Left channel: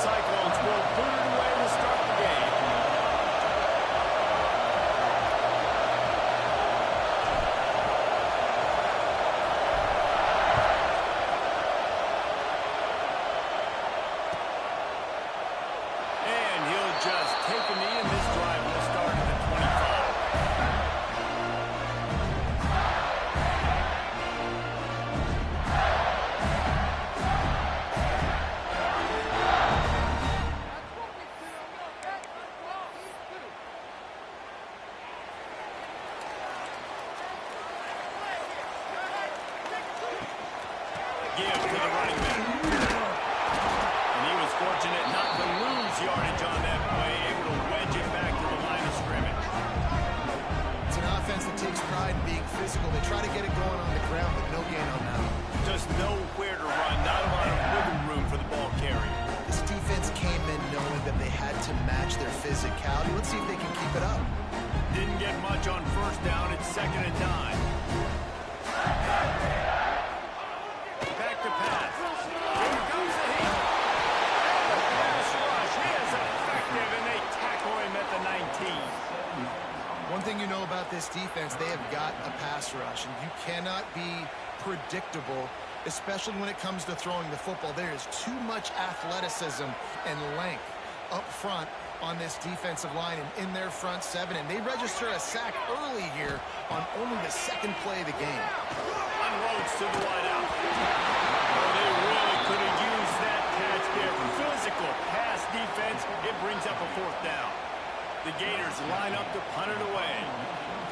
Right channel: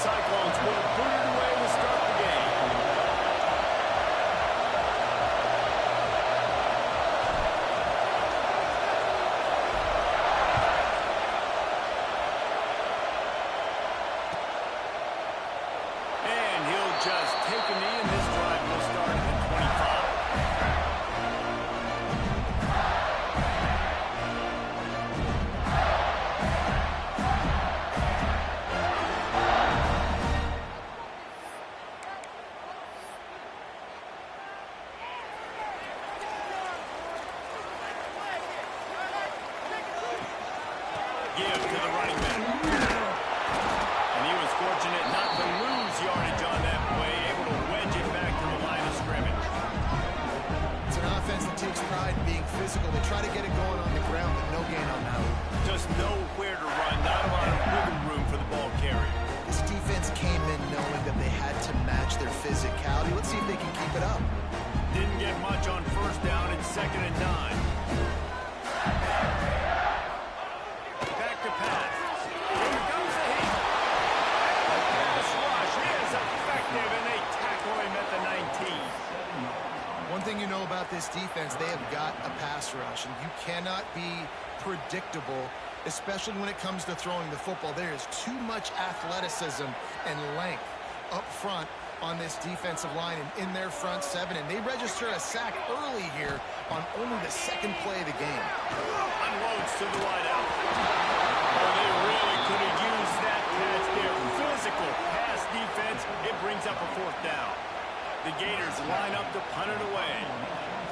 Cyclones will boot it away to start the game. And he'll just take a knee, and this drive will start at the 25. Give to the running back. And he was fortunate not to lose yardage on that play, able to wedge it back to the line of scrimmage. It's an offense that takes pride in being physical. They try to get it going on the ground, but no gain on that one. Just nowhere to run, not a lot of wiggle room for the ball carrier. This defense came in knowing that they had to match their physicality. Let's see if they can keep it up. Didn't get much on first down. It's 2nd and 9. Back to pass. Here comes the heat. And the pass rush is effective, and they tackle him at the 19. One thing you know about this defense, they have got a pass rush, and you cannot be predictable, especially when it comes to throwing the football. There is too much athleticism and length up front on this defensive line and in their front seven, and they register a sack early here on only the 2nd play of the game. Unloads to the wideout. Oh, they really could have used that catch there. Physical pass defense. It brings up a 4th down. The Gators line up to punt it away.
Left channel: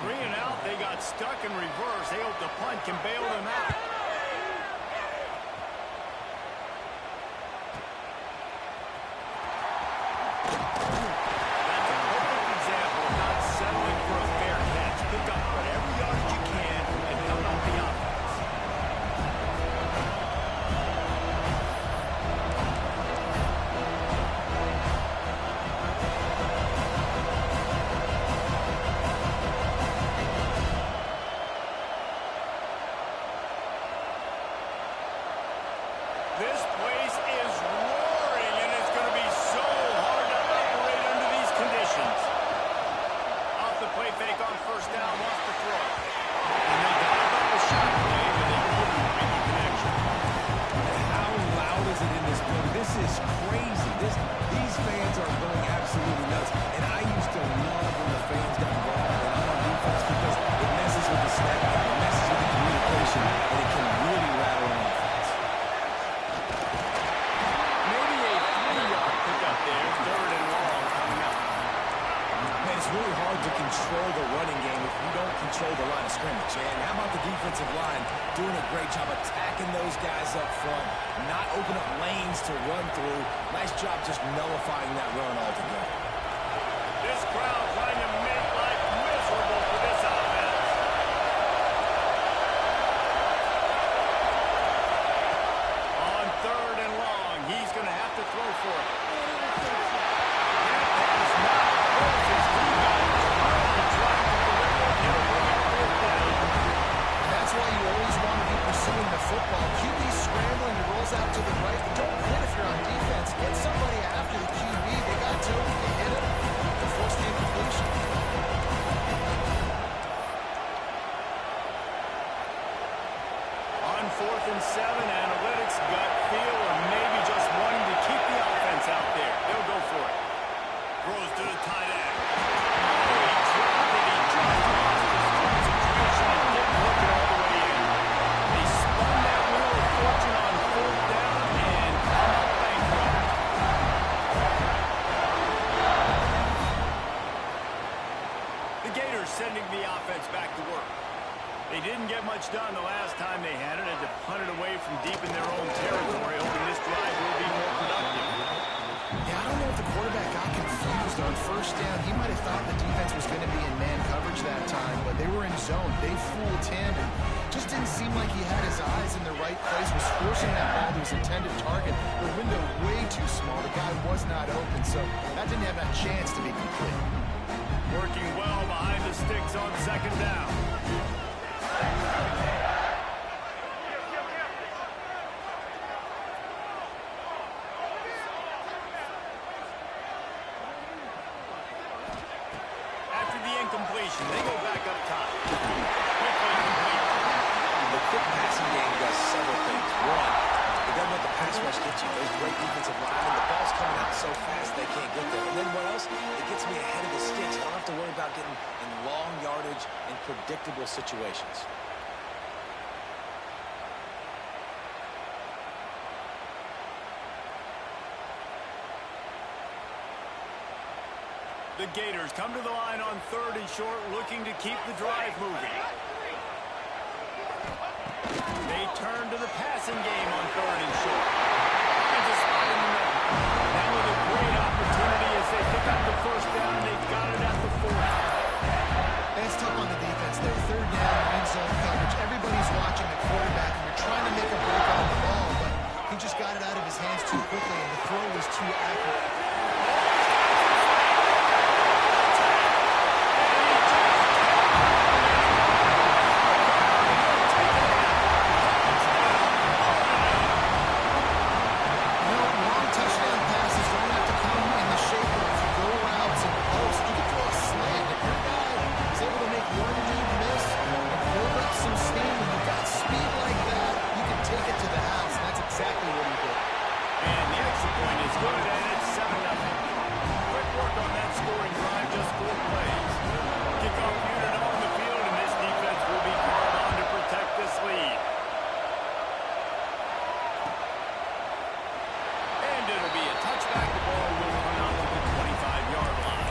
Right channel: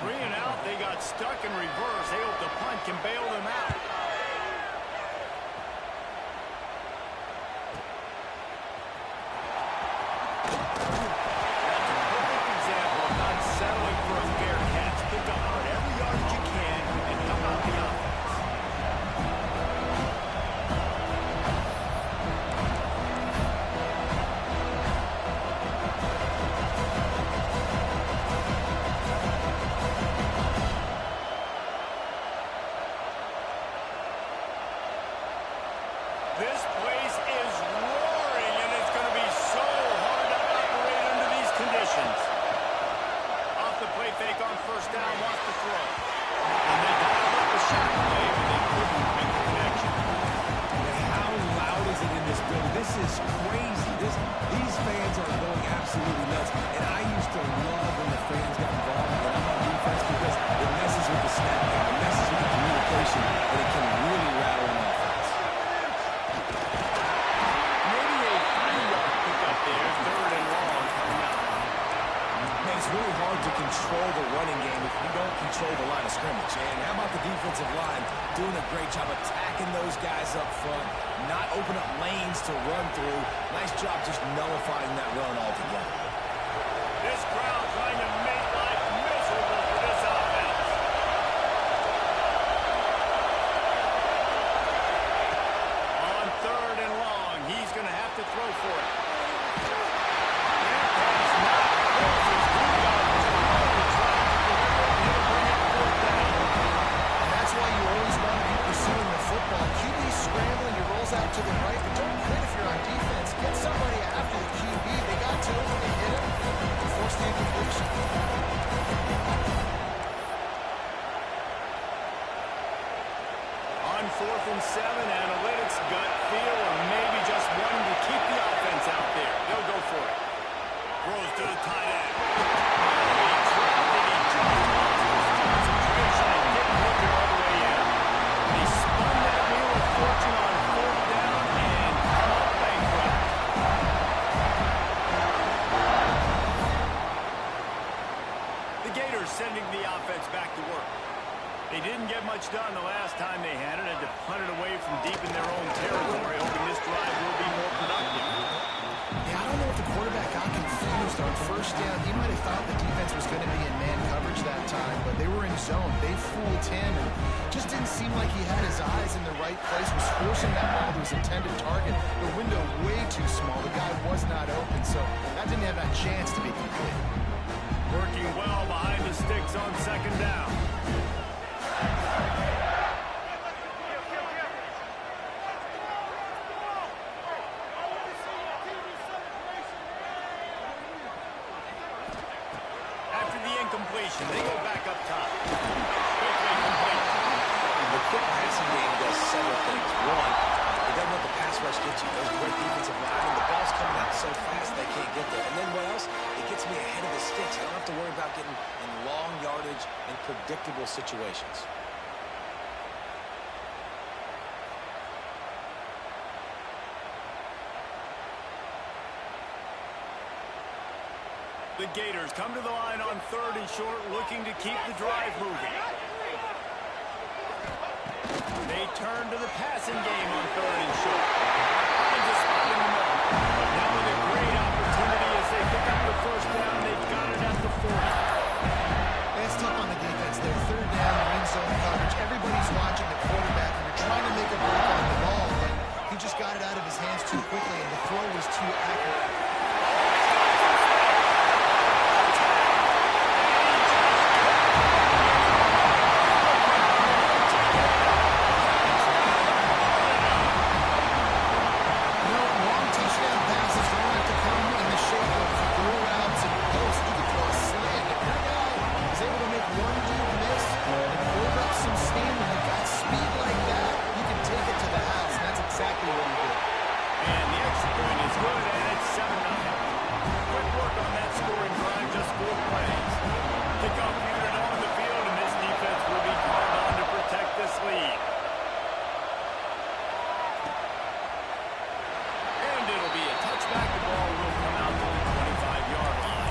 3 and out. They got stuck in reverse. They hope the punt can bail them out. That's a perfect example of not settling for a fair catch. Pick up whatever yardage you can and help out the offense. This place is roaring, and it's going to be so hard to operate under these conditions. Off the play fake on first down, wants to throw. And they dialed up the shot play, but they couldn't make the connection. And how loud is it in this building? This is crazy. These fans are going absolutely nuts. And I used to love when the fans got involved and I'm on defense because it messes with the snap count, it messes with the communication, and it can really rattle an offense. Maybe a 3-yard pickup there, 3rd and long coming up. Man, it's really hard to control the running game if you don't control the line of scrimmage. And how about the defensive line doing a great job attacking those guys up front, not open up lanes to run through. Nice job just nullifying that run altogether. This crowd trying to make life miserable for this offense. On 3rd and long, he's going to have to throw for it. That pass not closes. He got through trying to deliver it, and it'll bring up 4th down. And that's why you always want to be pursuing the football. QB scrambling, he rolls out to the right, but don't quit if you're on defense. Get somebody after the QB. They got to him, they hit him, and forced the incompletion. On 4th and 7, analytics, gut feel, or maybe just wanting to keep the offense out there. They'll go for it. Throws to the tight end. Oh, he dropped it. He just lost his concentration and didn't look it all the way in. They spun that wheel of fortune on 4th down and come up bankrupt. The Gators sending the offense back to work. They didn't get much done the last time they had it. Had to punt it away from deep in their own territory, hoping this drive will be more productive. Yeah, I don't know if the quarterback got confused on first down. He might have thought the defense was going to be in man coverage that time, but they were in zone. They fooled him and just didn't seem like he had his eyes in the right place, was forcing that ball to his intended target. The window way too small. The guy was not open, so that didn't have that chance to be complete. Working well behind the sticks on 2nd down. completion. They go back up top. Quickly complete. The quick passing game does several things. One, it doesn't let the pass rush get you. Those great defensive linemen, the ball's coming out so fast they can't get there. And then what else? It gets me ahead of the sticks. I don't have to worry about getting in long yardage and predictable situations. The Gators come to the line on 3rd and short, looking to keep the drive moving. They turn to the passing game on 3rd and short. Finds a spot in the middle. Now with a great opportunity as they pick up the first down. They've got it at the 40. It's tough on the defense there. 3rd down, in zone coverage. Everybody's watching the quarterback, and you're trying to make a break on the ball, but he just got it out of his hands too quickly, and the throw was too accurate. Exactly what he did. And the extra point is good, and it's 7-0. Quick work on that scoring drive, just 4 plays. Kickoff unit on the field, and this defense will be called on to protect this lead. And it'll be a touchback. The ball will come out to the 25-yard line.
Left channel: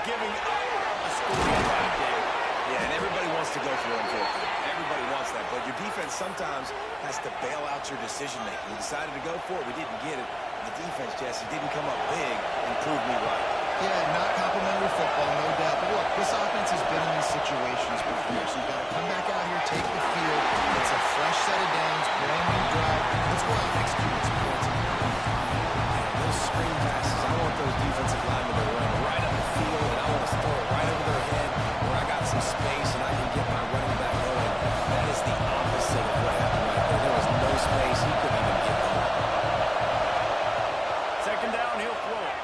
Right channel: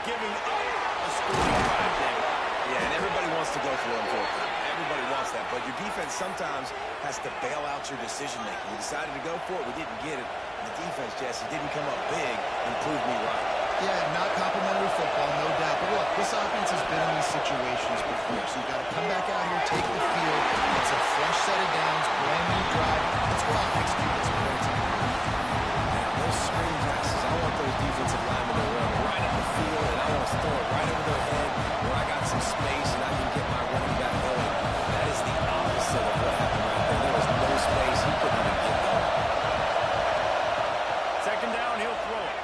Giving up a scoring drive, David. Yeah, and everybody wants to go for it, unfortunately. Everybody wants that, but your defense sometimes has to bail out your decision-making. We decided to go for it. We didn't get it. And the defense, Jesse, didn't come up big and prove me right. Yeah, not complimentary football, no doubt. But look, this offense has been in these situations before, so you've got to come back out here, take the field. It's a fresh set of downs, brand new drive. Let's go out and execute this points. Those screen passes, I want those defensive linemen to run right up the field, and I want to throw it right over their head where I got some space and I can get my running back going. That is the opposite of what happened right there. There was no space. He couldn't even get going. 2nd down, he'll throw it.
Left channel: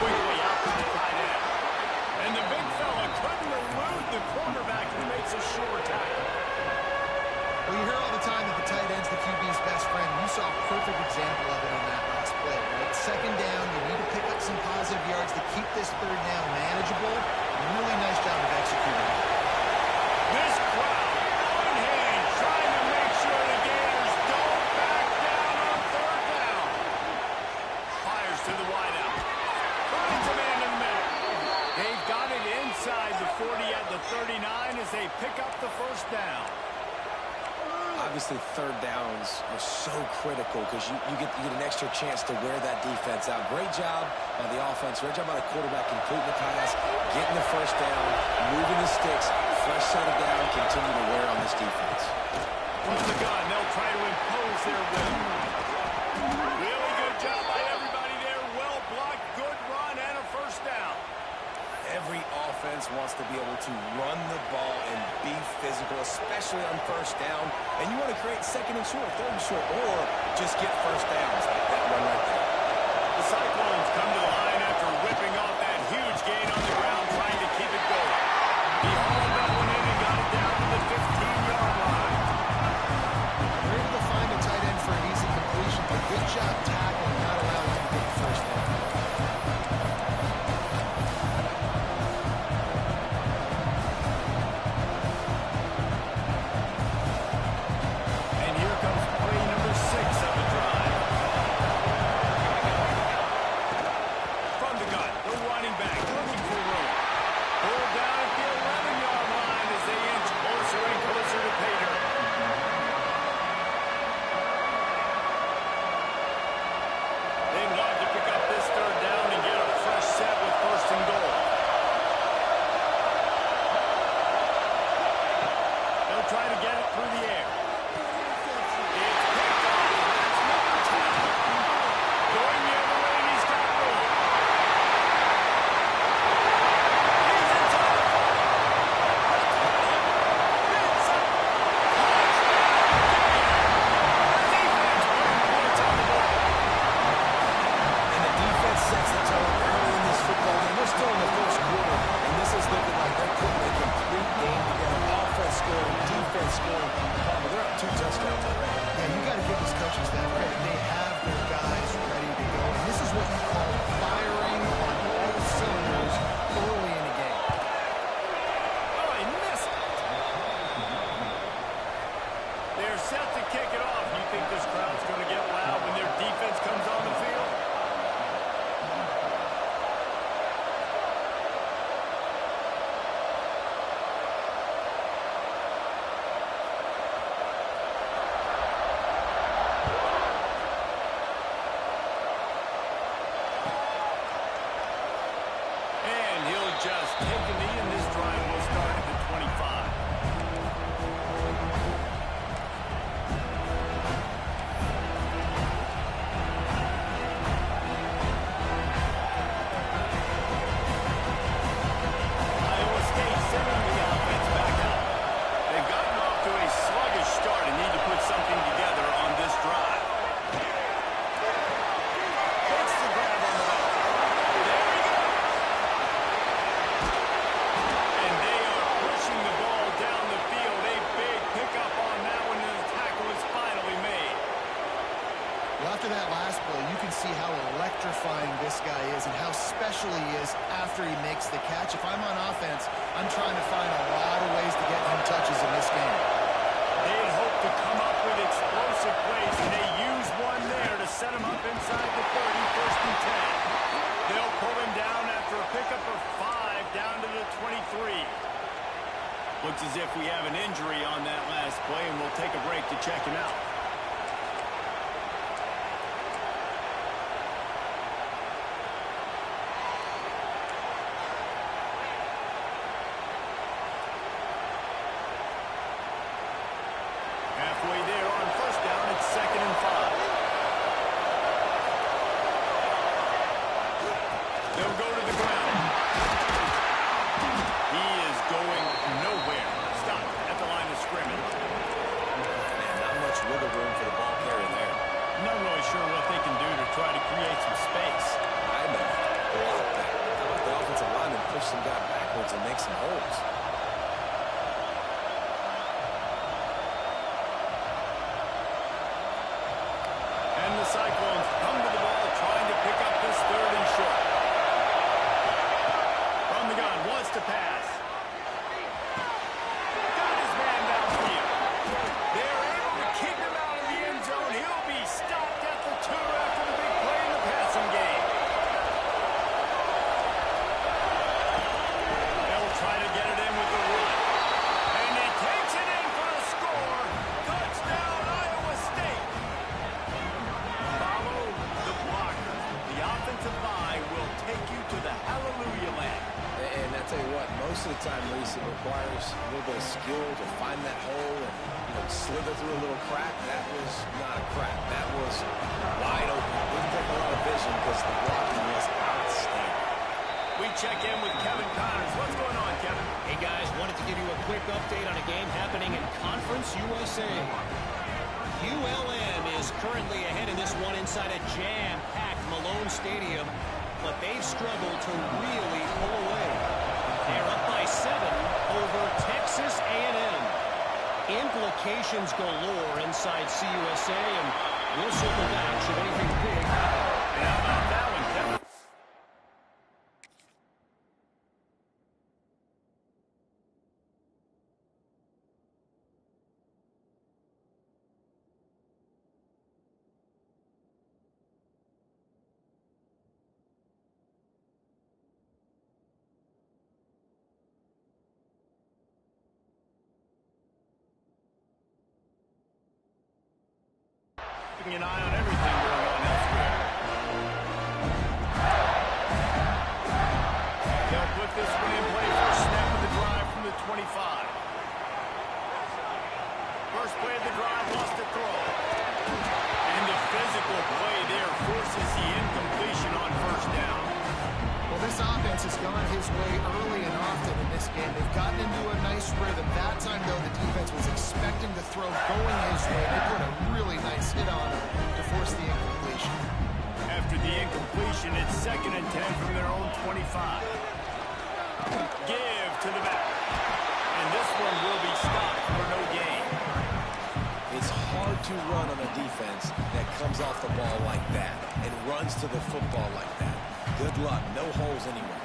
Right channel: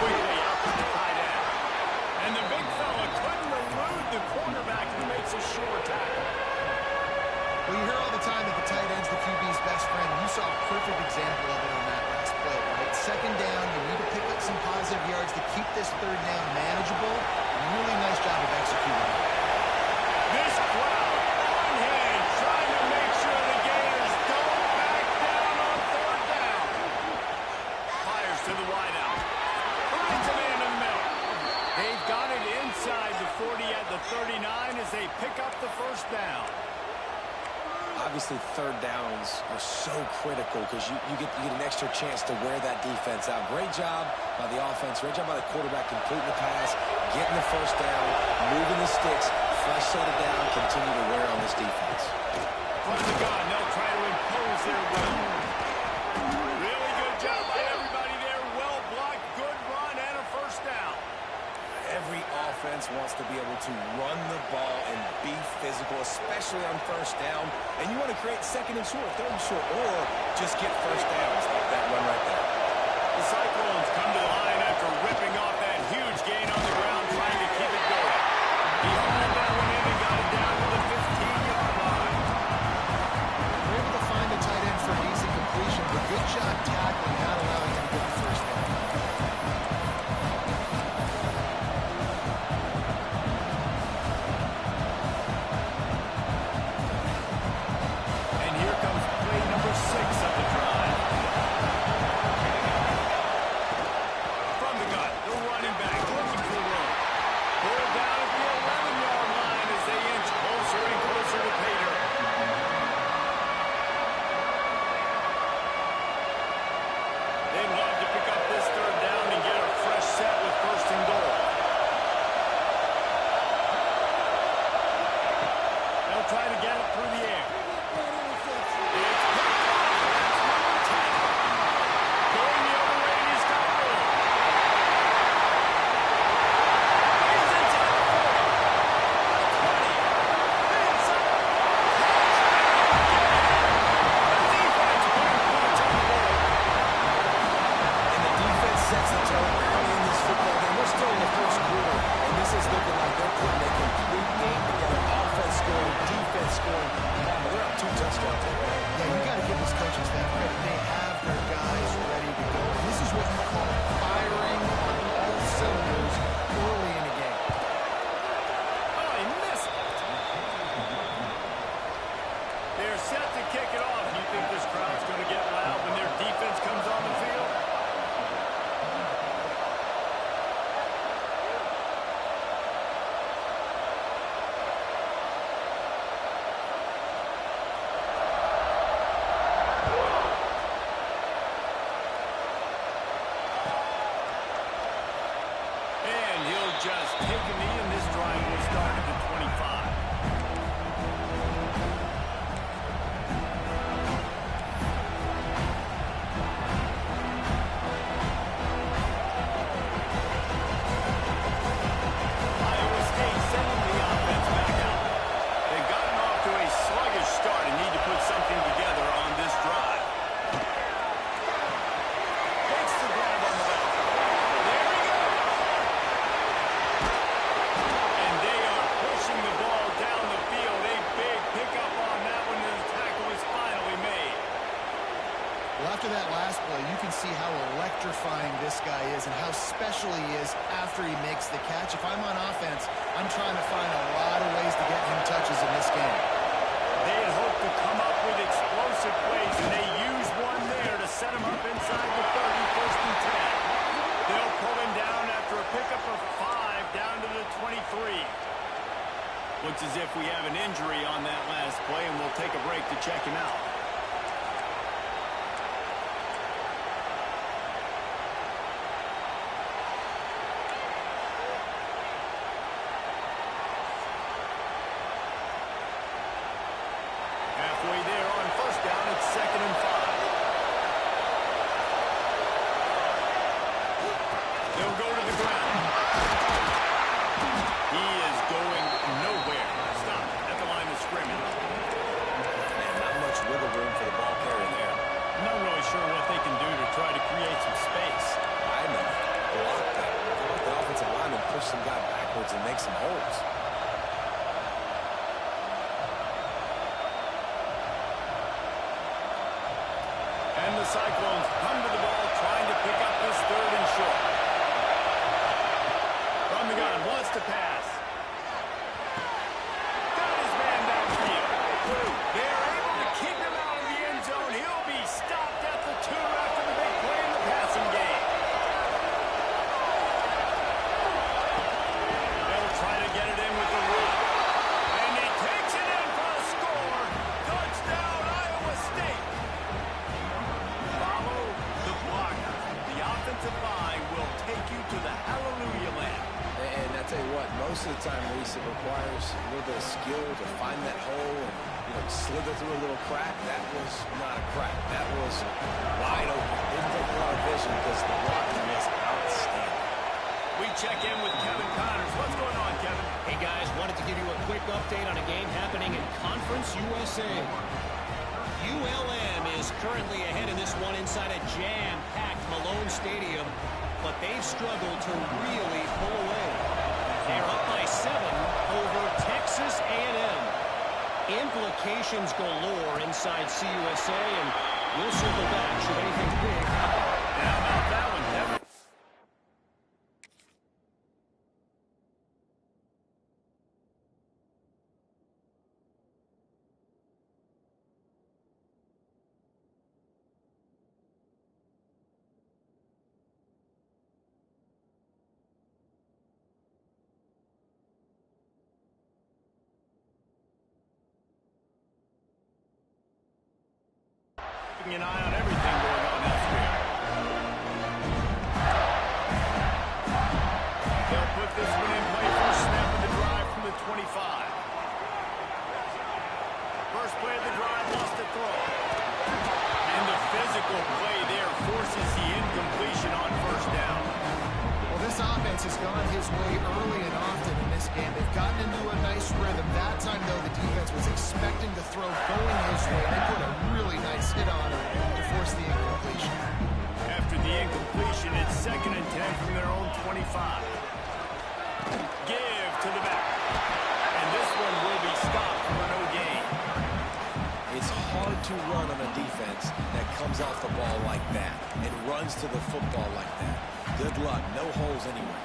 Quickly out to the tight end. And the big fella couldn't elude the cornerback who makes a sure tackle. Well, you hear all the time that the tight end's the QB's best friend. You saw a perfect example of it on that last play, right? 2nd down, you need to pick up some positive yards to keep this 3rd down manageable. Really nice job of executing it. This crowd on hand trying to make sure the Gators don't back down on 3rd down. Fires to the wideout. Finds a man in the middle. They've got it inside the 40 at the 39 as they pick up the first down. Obviously, 3rd downs are so critical because you get an extra chance to wear that defense out. Great job by the offense. Great job by the quarterback completing the pass, getting the first down, moving the sticks, fresh set of down, continue to wear on this defense. From the gun, they'll try to impose their will. Really good job by everybody there. Well blocked, good run, and a first down. Every offense wants to be able to run the ball and be physical, especially on 1st down. And you want to create 2nd and short, 3rd and short, or just get first downs like that one right there. The Cyclones come to the line after ripping off that huge gain on the ground, trying to keep it going. He hauled that one in and got it down to the 15-yard line. We're able to find a tight end for an easy completion, but good job tackling, not allowing him to get the first down. Try to get it through the air. It's picked off. That's number 10. Going the other way, and he's got room. defense scoring. They're up 2 touchdowns already. Yeah, you got to give this coaching staff credit. They have their guys ready to go. And this is what you call firing on all cylinders early in a game. Oh, he missed it. They're set to kick it off. You think this crowd's going to get loud when their defense comes on the field? And he'll just take a knee, and this drive will start at the 25. Iowa State sending the offense back out. They've gotten off to a sluggish start and need to put something together on this drive. Takes the grab on the back. There he goes. And they are pushing the ball down the field. A big pickup on that one, and the tackle is finally made. Well, after that last play, you can see how electrifying this guy is and how special he is after he makes the catch. If I'm on offense, I'm trying to find a lot of ways to get him touches in this game. They had hoped to come up with explosive plays, and they used one there to set him up inside the 30, 1st and 10. They'll pull him down after a pickup of 5 down to the 23. Looks as if we have an injury on that last play, and we'll take a break to check him out. Halfway there on 1st down, it's 2nd and 5. They'll go to the ground. He is going nowhere. Stop at the line of scrimmage. Man, not much wiggle room for the ball carrier there. Not really sure what they can do to try to create some space. I know. Block that. How about the offensive lineman push some guy backwards and make some holes? And the Cyclones come to the ball trying to pick up this 3rd and short. From the gun, wants to pass. Got his man downfield. They're able to keep him out of the end zone. He'll be stopped at the 2 after the big play in the passing game. They'll try to get it in with the run. And he takes it in for a score. Touchdown, Iowa State. Follow the blockers. The offensive line will take you to the hallelujah land. And I tell you what, most of the time, Reese, it requires a little bit of skill to find that hole and, slither through a little crack. That was not a crack. That was wide open. Didn't take a lot of vision because the blocking was outstanding. We check in with Kevin Connors. What's going on, Kevin? Hey, guys, wanted to give you a quick update on a game happening in Conference USA. ULM is currently ahead in this one inside a jam-packed Malone Stadium, but they've struggled to really pull away. They're up by 7 over Texas A&M. Implications galore inside CUSA, and we'll circle back should anything big happen. And how about that one, Kevin? Keeping an eye on everything going on elsewhere. They'll put this one in play. First snap of the drive from the 25. First play of the drive, lost a throw. And the physical play there forces the incompletion on 1st down. Well, this offense has gone his way early and often in this game. They've gotten into a nice rhythm. That time, though, the defense was expecting the throw going his way. They put a really nice hit on him to force the incompletion. After the incompletion, it's 2nd and 10 from their own 25. Give to the back. And this one will be stopped for no gain. It's hard to run on a defense that comes off the ball like that and runs to the football like that. Good luck. No holes anywhere.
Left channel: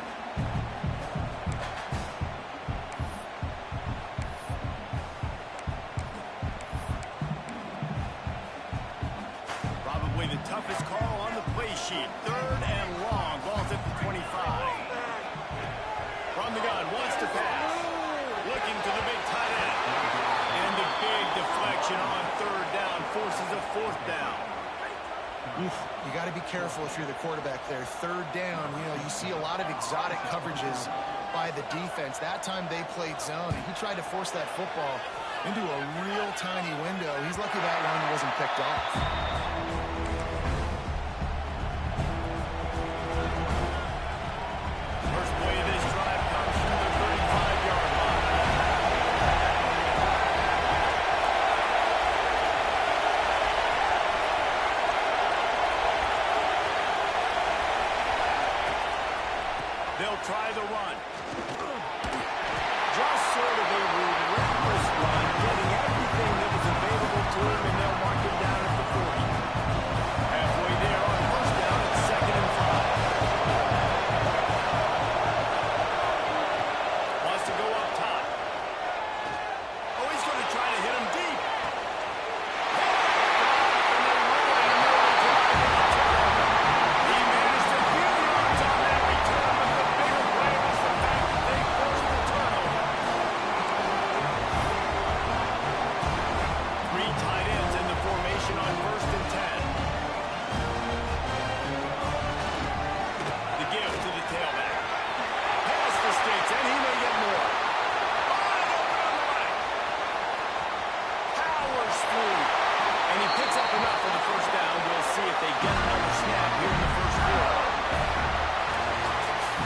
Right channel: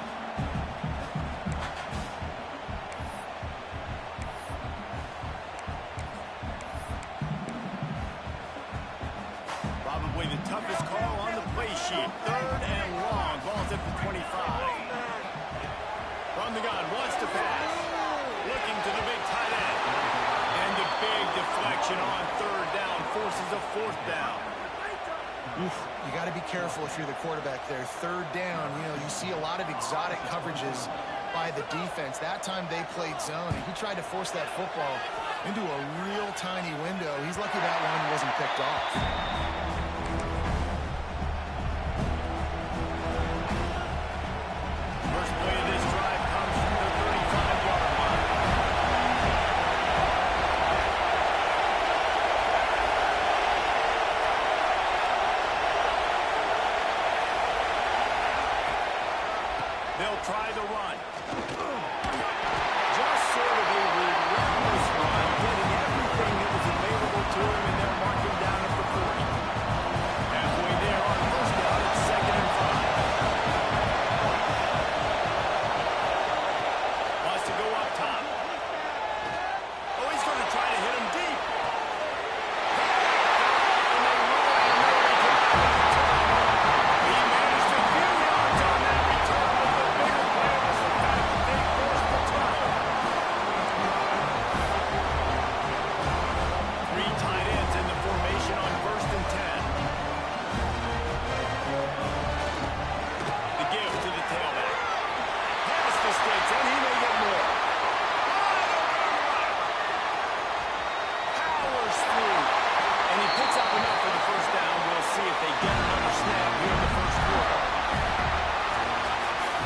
Probably the toughest call on the play sheet. 3rd and long. Ball's at the 25. From the gun, wants to pass. Looking to the big tight end. And the big deflection on 3rd down forces a 4th down. You got to be careful if you're the quarterback there. 3rd down, you see a lot of exotic coverages by the defense. That time they played zone, and he tried to force that football into a real tiny window. He's lucky that one wasn't picked off. First play of this drive comes from the 35-yard line. They'll try the run. Just sort of a relentless run, getting everything that was available to him, and they'll mark him down at the 40. Halfway there on 1st down, it's 2nd and 5. Wants to go up top. Oh, he's going to try to hit him deep. And they ruin an early drive with the turnover. He managed a few yards on that return, but the bigger play was the fact that they forced the turnover. 3 tight ends in the formation on 1st and 10. The give to the tailback. Pass the sticks, and he may get more. Wide open on the right. Powers through. And he picks up enough for the 1st down. We'll see if they get another snap here in the 1st quarter.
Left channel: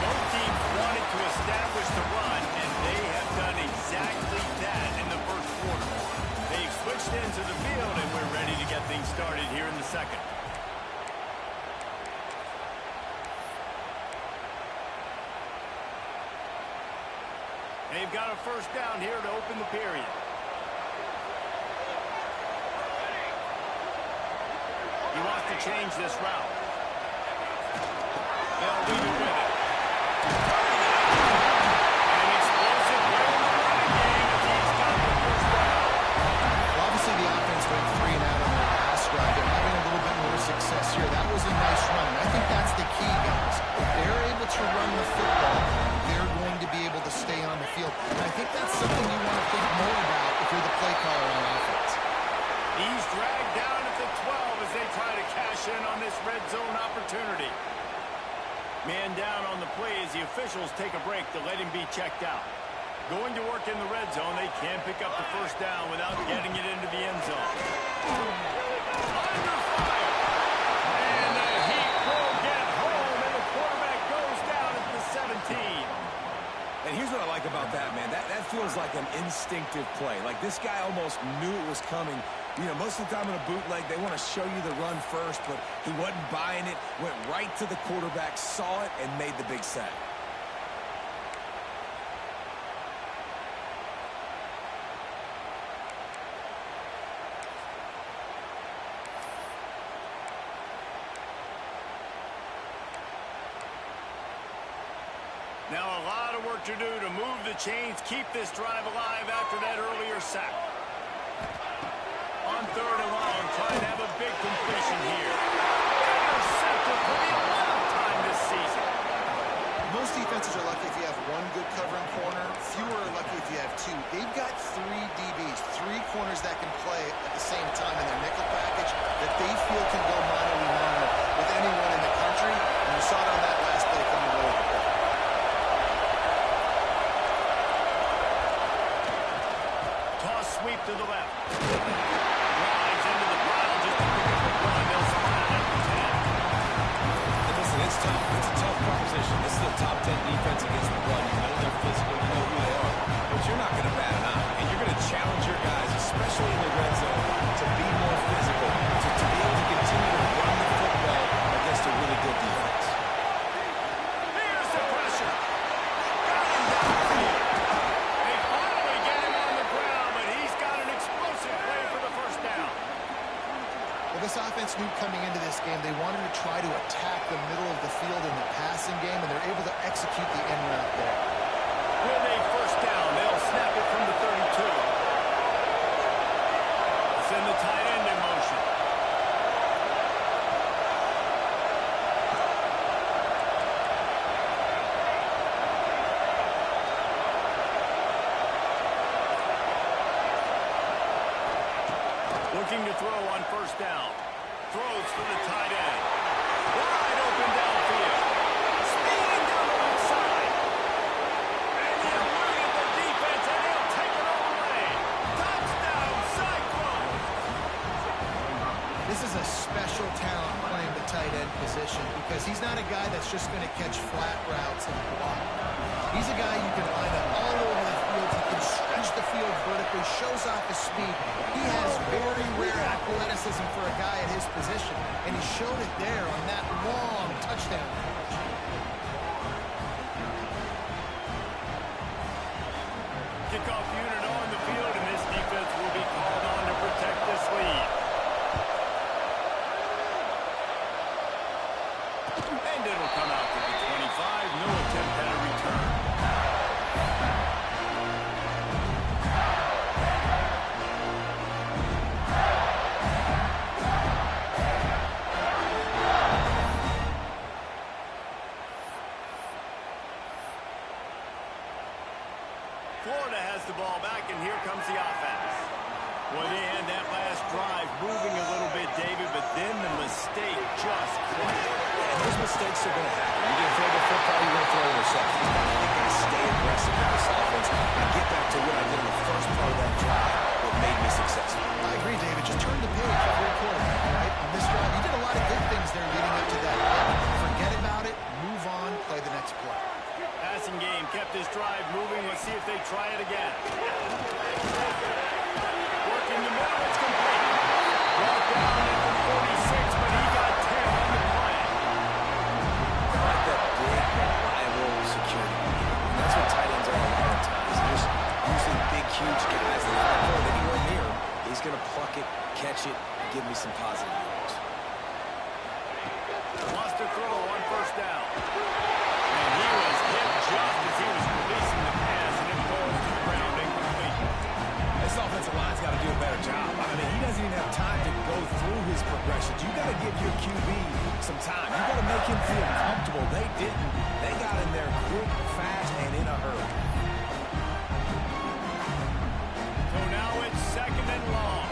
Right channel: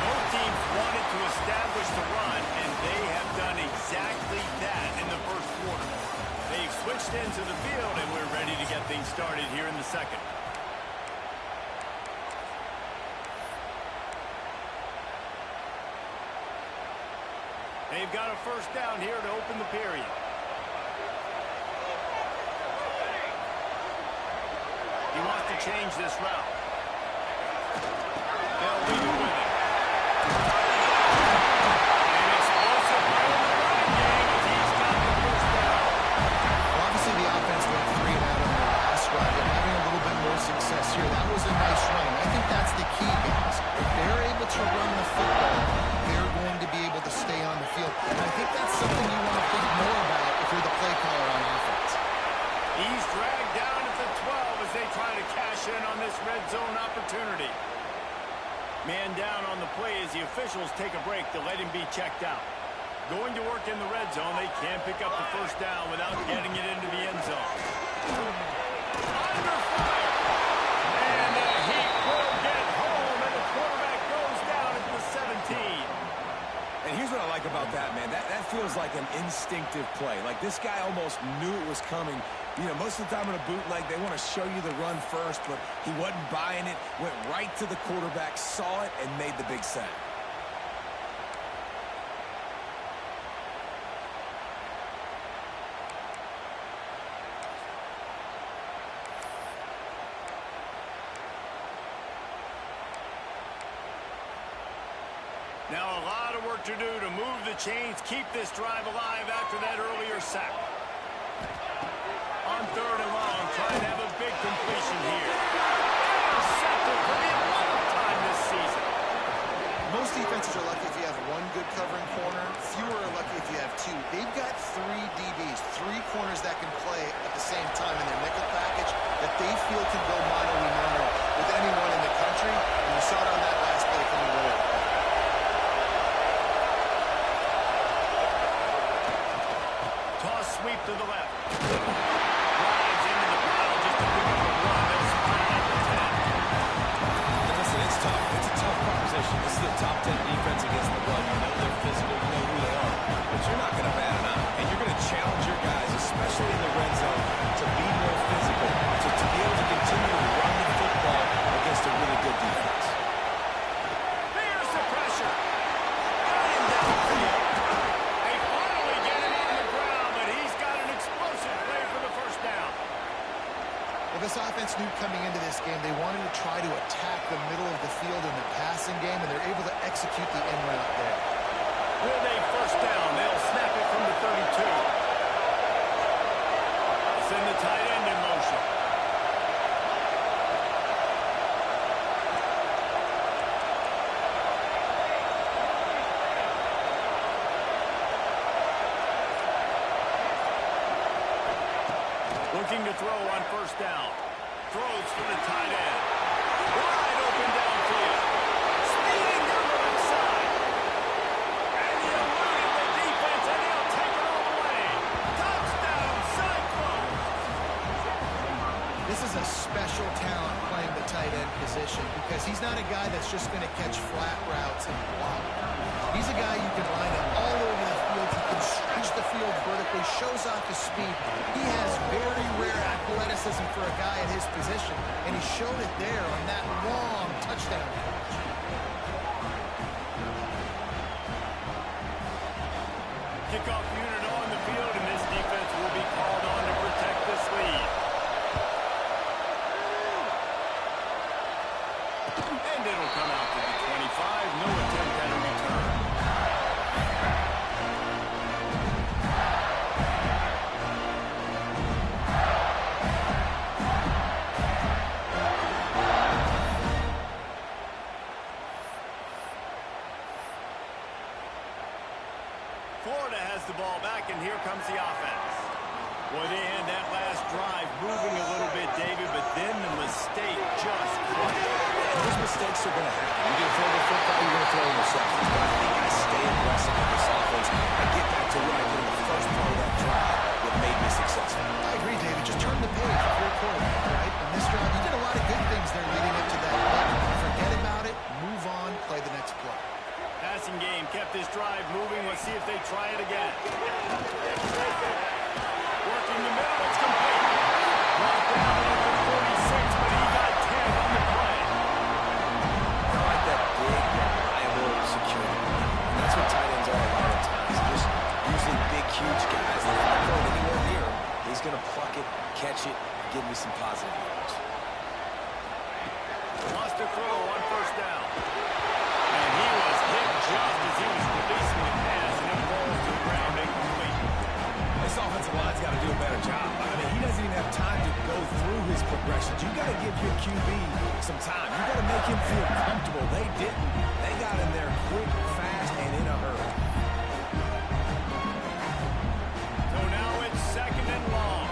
Both teams wanted to establish the run, and they have done exactly that in the 1st quarter. They've switched into the field, and we're ready to get things started here in the 2nd. They've got a 1st down here to open the period. He wants to change this route. They'll leave it with him. An explosive play in the running game as he's got the 1st down. Well, obviously the offense went 3 and out on their last drive. They're having a little bit more success here. That was a nice run, and I think that's the key, guys. If they're able to run the football, they're going to be able to stay on the field. And I think that's something you want to think more about if you're the play caller on offense. He's dragged down at the 12 as they try to cash in on this red zone opportunity. Man down on the play as the officials take a break to let him be checked out. Going to work in the red zone, they can't pick up the 1st down without getting it into the end zone. Under fire. And the Heat will get home, and the quarterback goes down at the 17. And here's what I like about that, man. That feels like an instinctive play. Like this guy almost knew it was coming. Most of the time in a bootleg, they want to show you the run first, but he wasn't buying it, went right to the quarterback, saw it, and made the big sack. Now a lot of work to do to move the chains, keep this drive alive after that earlier sack. On 3rd and long, trying to have a big completion here. Intercepted for the 11th time this season. Most defenses are lucky if you have 1 good covering corner. Fewer are lucky if you have 2. They've got 3 DBs, 3 corners that can play at the same time in their nickel package that they feel can go mano-a-mano with anyone in the country. And you saw it on that last play coming over the play. Toss sweep to the left. Drives into the pile just to pick up a 1. They'll spot it at the 10. And listen, it's tough. It's a tough proposition. This is a top 10 defense against the run. You know they're physical. You know who they are. But you're not going to bat an eye. And you're going to challenge your guys, especially in the red zone, to be more physical, to be able to continue to run the football against a really good defense. Here's the pressure. Got him downfield. They finally Well, this offense knew coming into this game they wanted to try to attack the middle of the field in the passing game, and they're able to execute the in route there. With a first down, they'll snap it from the 32. Send the tight end in motion. Looking to throw on first down. Throws to the tight end. Wide open downfield. Speeding down the left side. And he eluded the defense, and he'll take it all the way. Touchdown, Cyclones! This is a special talent playing the tight end position because he's not a guy that's just going to catch flat routes and block. He's a guy you can line up all over the field. He can stretch the field vertically, shows off his speed. He has very rare athleticism for a guy at his position, and he showed it there on that long touchdown catch. Kickoff unit on the field, and this defense will be called on to protect this lead. And it'll come out to the 25. No attempt at a return. Florida has the ball back, and here comes the offense. Boy, they had that last drive moving a little bit, David, but then the mistake just crushed it. And those mistakes are going to happen. You're going to throw the football, you're going to throw interceptions. But I think I stay aggressive with this offense. I get back to what I did in the first part of that drive that made me successful. I agree, David. Just turn the page if you're a quarterback, right? On this drive, you did a lot of good things there leading up to that play. Forget about it, move on, play the next play. Passing game kept this drive moving. Let's see if they try it again. Working the middle, it's complete. Brought down at the 46, but he got 10 on the play. I like that big, reliable security. And that's what tight ends are a lot of times. They're just usually big, huge guys that if I throw it anywhere near him, he's going to pluck it, catch it, and give me some positive yards. Lost a throw on first down. And he was hit just as he was releasing the pass, and it falls to the ground incomplete. This offensive line's got to do a better job. I mean, he doesn't even have time to go through his progressions. You got to give your QB some time. You got to make him feel comfortable. They didn't. They got in there quick, fast, and in a hurry. So now it's second and long.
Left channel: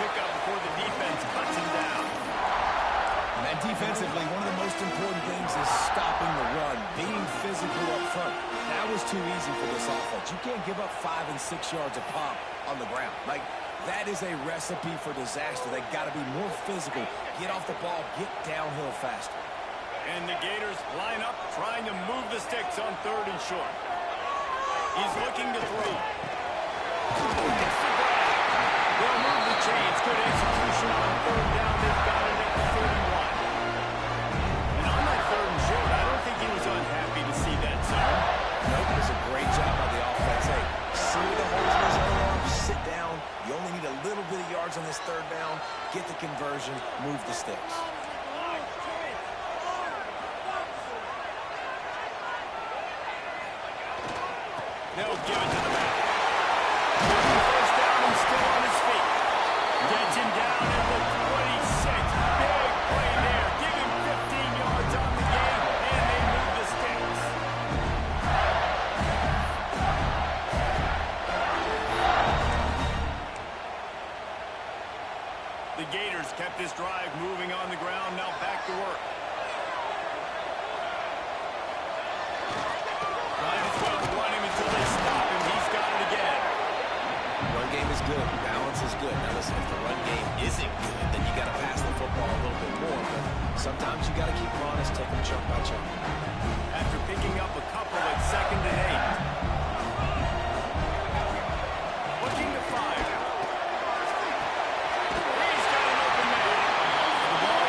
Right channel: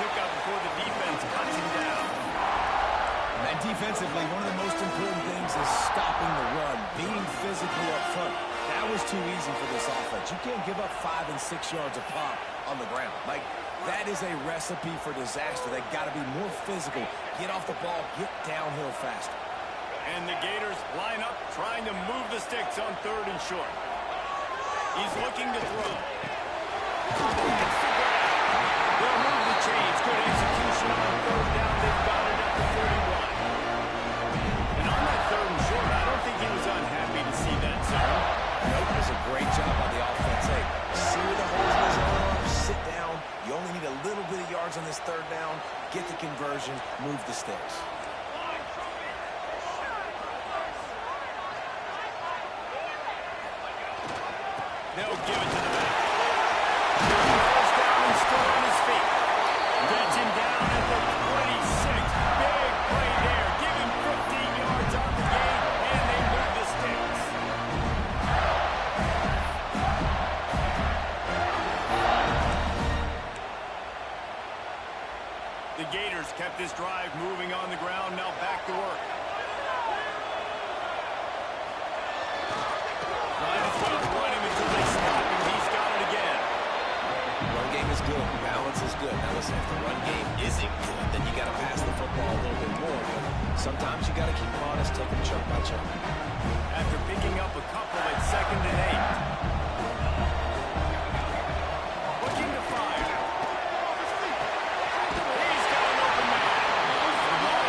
Pickup before the defense cuts him down. And defensively, one of the most important things is stopping the run, being physical up front. That was too easy for this offense. You can't give up 5 and 6 yards a pop on the ground. Like, that is a recipe for disaster. They got to be more physical, get off the ball, get downhill faster. And the Gators line up, trying to move the sticks on third and short. He's looking to throw. It's the grab. They'll move the chains. Good execution on third down. They've got it at the 31. And on that third and short, I don't think he was unhappy to see that zone. Nope, it was a great job by the offense. Hey, see where the holes in the zone are, sit down. You only need a little bit of yards on this third down. Get the conversion, move the sticks. They'll give it to the back. First down and still on his feet. Gets him down at the 26. Big play there. Give him 15 yards on the game, and they move the sticks. The Gators kept this drive moving on the ground. Now back to work. Might as well run him until they stop him. He's got it again. Run game is good. Balance is good. Now listen, if the run game isn't good, then you got to pass the football a little bit more. But sometimes you got to keep them honest, take them chunk by chunk. After picking up a couple at 2nd and 8. Looking to fire. He's got an open man. The ball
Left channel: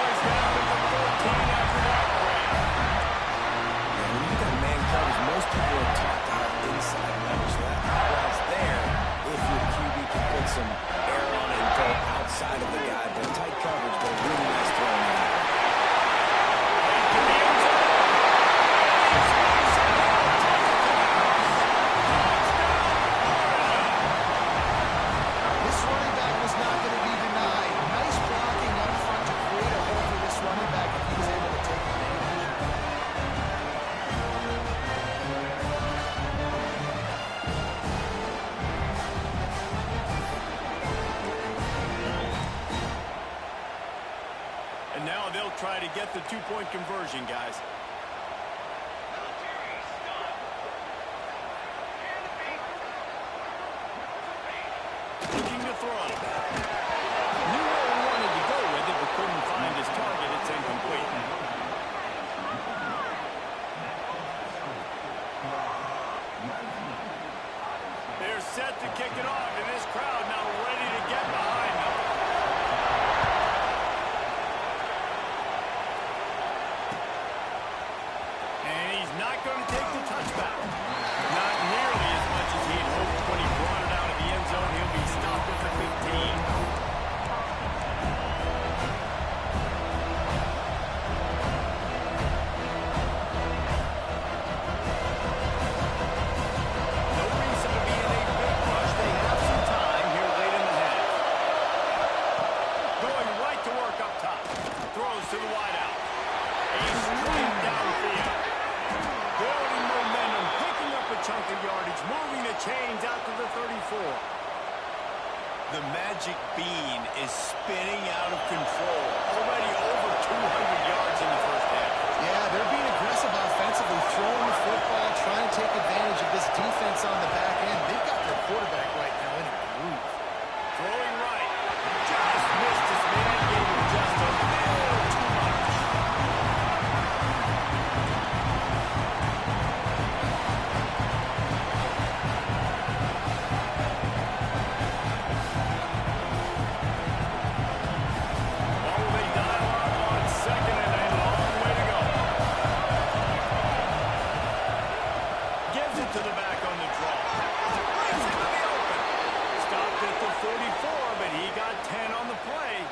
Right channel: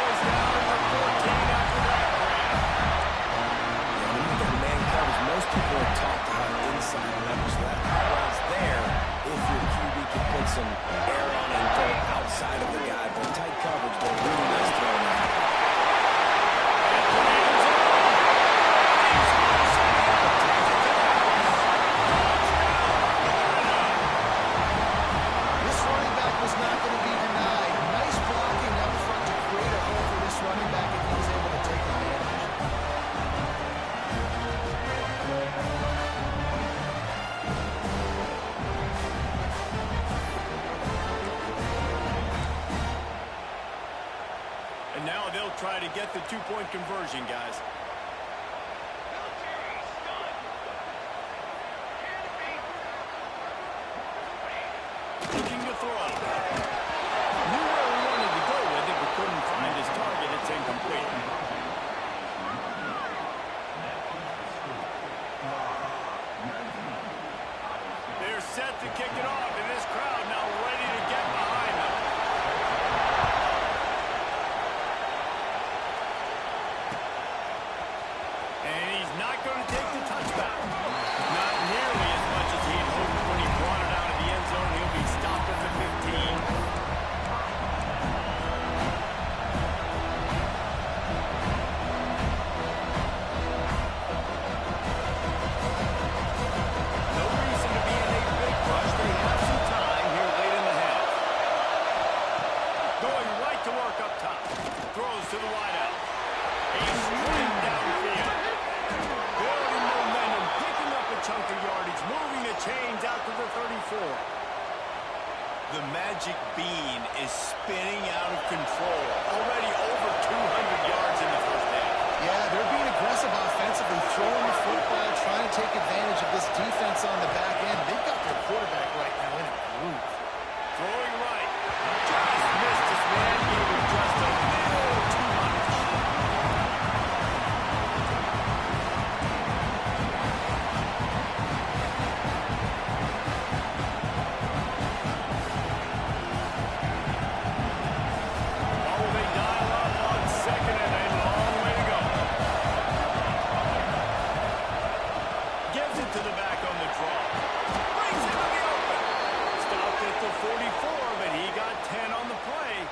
some air on and go outside of the guy, but tight coverage, but a really nice throw in that. This running back was not going to be denied. Nice blocking up front to create a hole for this running back if he was able to take advantage. And now they'll try to get the two-point conversion, guys. Looking to throw. Knew where he wanted to go with it, but couldn't find his target. It's incomplete. They're set to kick it off, and this crowd now ready to get behind them. And he's not going to take the touchback. Not nearly as much as he'd hoped when he brought it out of the end zone. He'll be stopped at the 15. No reason to be in a big rush. They have some time here late in the half. Going right to work up top. Throws to the wideout. A straight downfield. Building momentum, picking up a chunk of yardage, moving the chains out to the 34. The magic bean is spinning out of control. Already over 200 yards in the first half. Yeah, they're being aggressive offensively, throwing the football, trying to take advantage of this defense on the back end. They've got their quarterback right now in a groove. Throwing right. Just missed his man. Gave him just a little too much. What will they dial up on second and a long way to go? Gives it to the back on the draw. Brings him to the open. Stopped at the 44, but he got 10 on the play.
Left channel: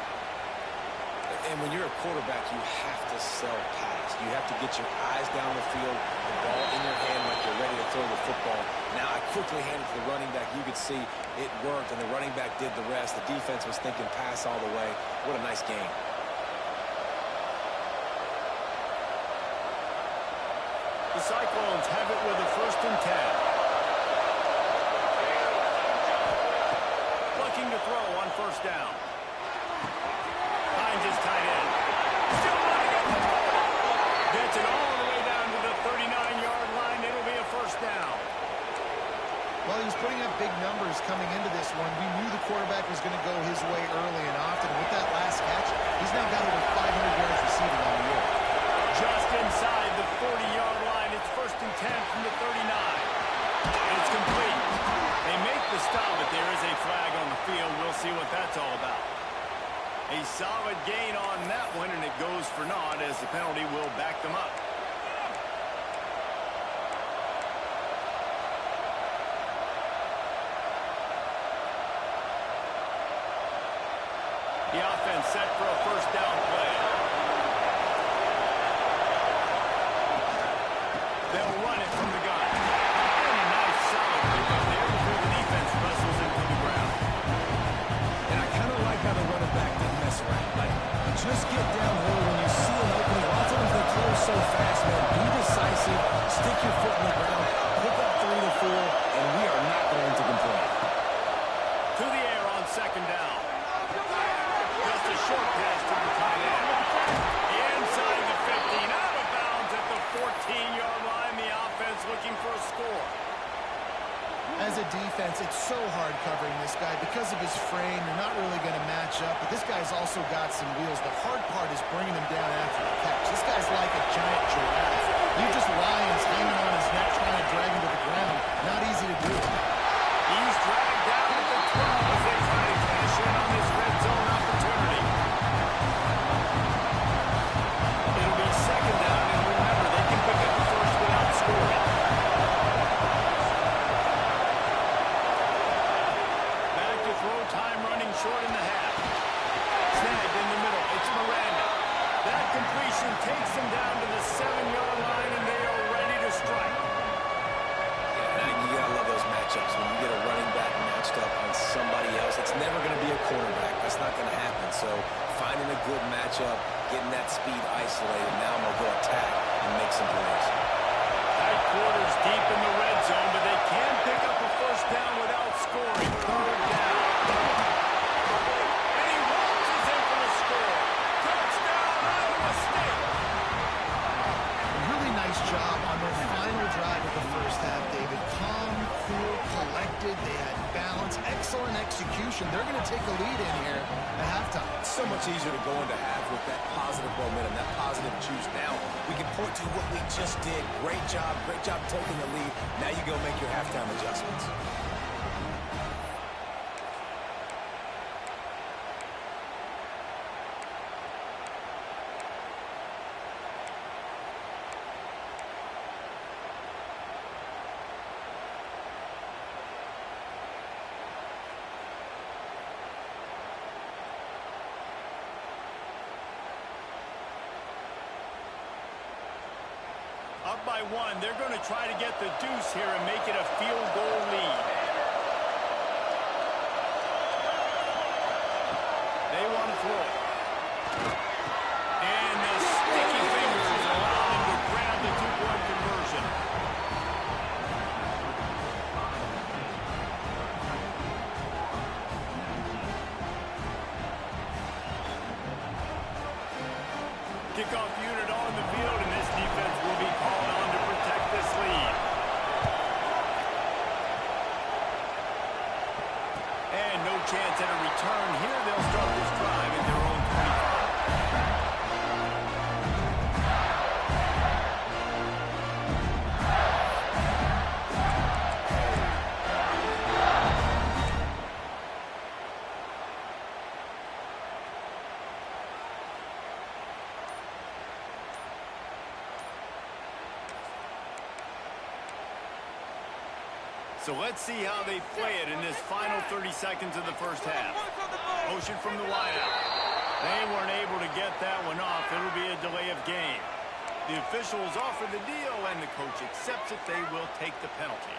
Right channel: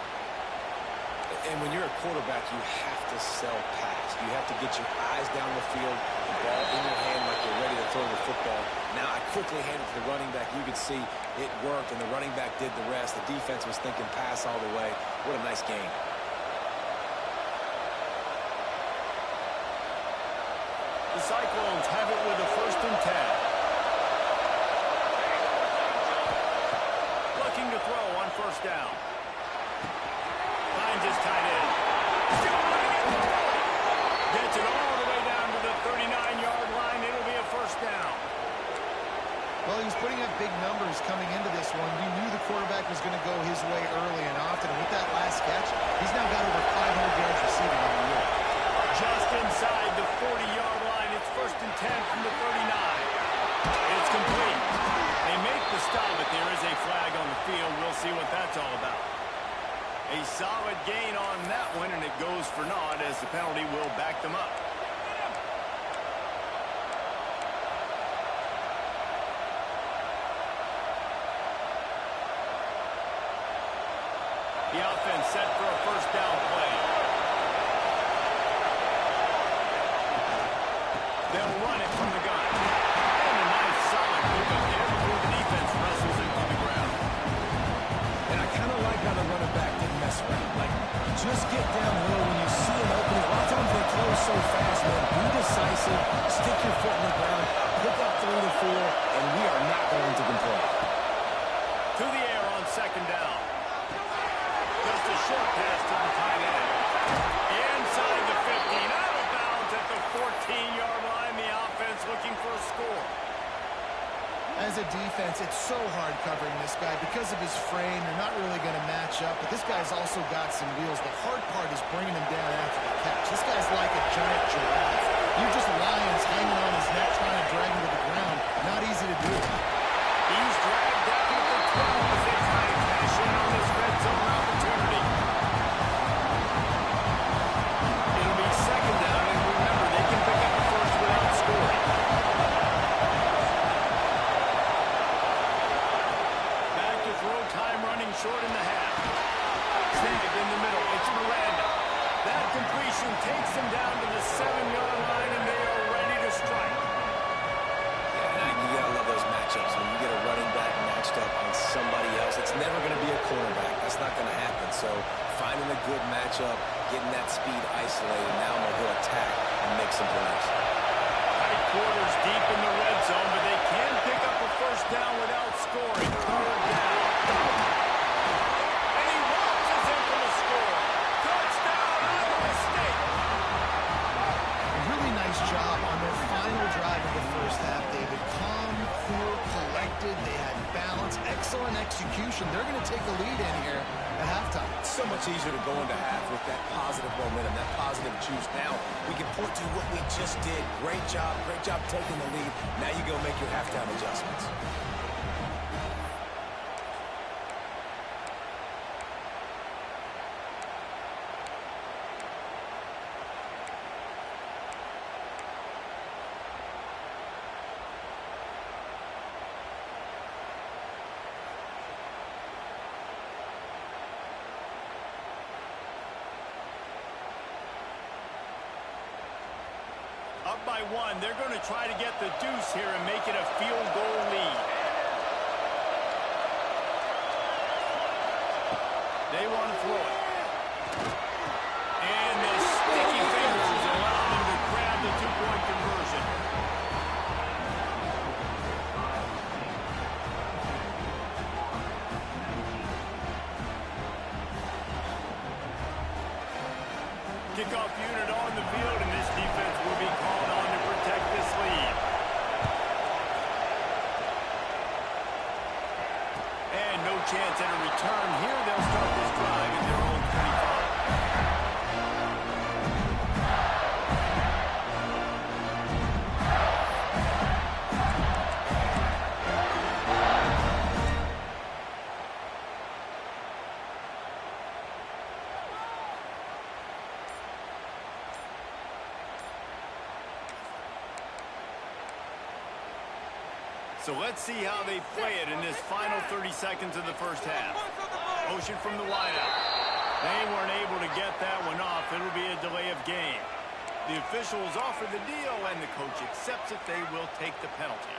And when you're a quarterback, you have to sell pass. You have to get your eyes down the field, the ball in your hand like you're ready to throw the football. Now I quickly hand it to the running back. You could see it worked, and the running back did the rest. The defense was thinking pass all the way. What a nice game. The Cyclones have it with a 1st and 10. Looking to throw on 1st down. Finds his tight end. Still running at the 40. Gets it all the way down to the 39-yard line. It'll be a 1st down. Well, he was putting up big numbers coming into this one. We knew the quarterback was going to go his way early and often. And with that last catch, he's now got over 500 yards receiving on the year. Just inside the 40-yard line. It's 1st and 10 from the 39. It's complete. They make the stop, but there is a flag on the field. We'll see what that's all about. A solid gain on that one, and it goes for naught as the penalty will back them up. The offense set for a 1st down play. They'll run it from the gun. And a nice solid pickup there before the defense wrestles him to the ground. And I kind of like how the running back didn't mess around. Like, just get downhill when you see an opening. A lot of times they close so fast, man. Be decisive. Stick your foot in the ground. Pick up 3 to 4, and we are not going to complain. To the air on 2nd down. Just a short pass to the tight end. Inside the 15, out of bounds at the 14-yard line. The offense looking for a score. As a defense, it's so hard covering this guy. Because of his frame, you're not really going to match up. But this guy's also got some wheels. The hard part is bringing him down after the catch. This guy's like a giant giraffe. You're just lions hanging on his neck trying to drag him to the ground. Not easy to do. He's dragged down at the 12 as they try to cash in on this red zone opportunity. It'll be 2nd down, and remember, they can pick up the 1st without scoring. Back to throw That completion takes them down to the 7-yard line, and they are ready to strike. Yeah, and you gotta love those matchups. When you get a running back matched up on somebody else, it's never gonna be a cornerback. That's not gonna happen. So finding a good matchup, getting that speed isolated, now I'm gonna go attack and make some plays. Tight quarters deep in the red zone, but they can pick up a first down without scoring. Third down. And he launches in for the score. Touchdown, Iowa State. A really nice job on their final drive of the first half, David. Calm, cool, collected. They had balance. Excellent execution. They're going to take a lead in here at halftime. It's so much easier to go into half with that positive momentum, that positive juice. Now we can point to what we just did. Great job taking the lead. Now you go make your halftime adjustments. Up by 1, they're going to try to get the deuce here and make it a field goal lead. They want to throw it. And the sticky fingers allow them to grab the two-point conversion. Kickoff unit on the field, and this defense will be called on to protect this lead. And no chance at a return here. They'll start this drive in their own 25. So let's see how they play it in this final 30 seconds of the first half. Motion from the wideout. They weren't able to get that one off. It'll be a delay of game. The officials offer the deal, and the coach accepts it. They will take the penalty.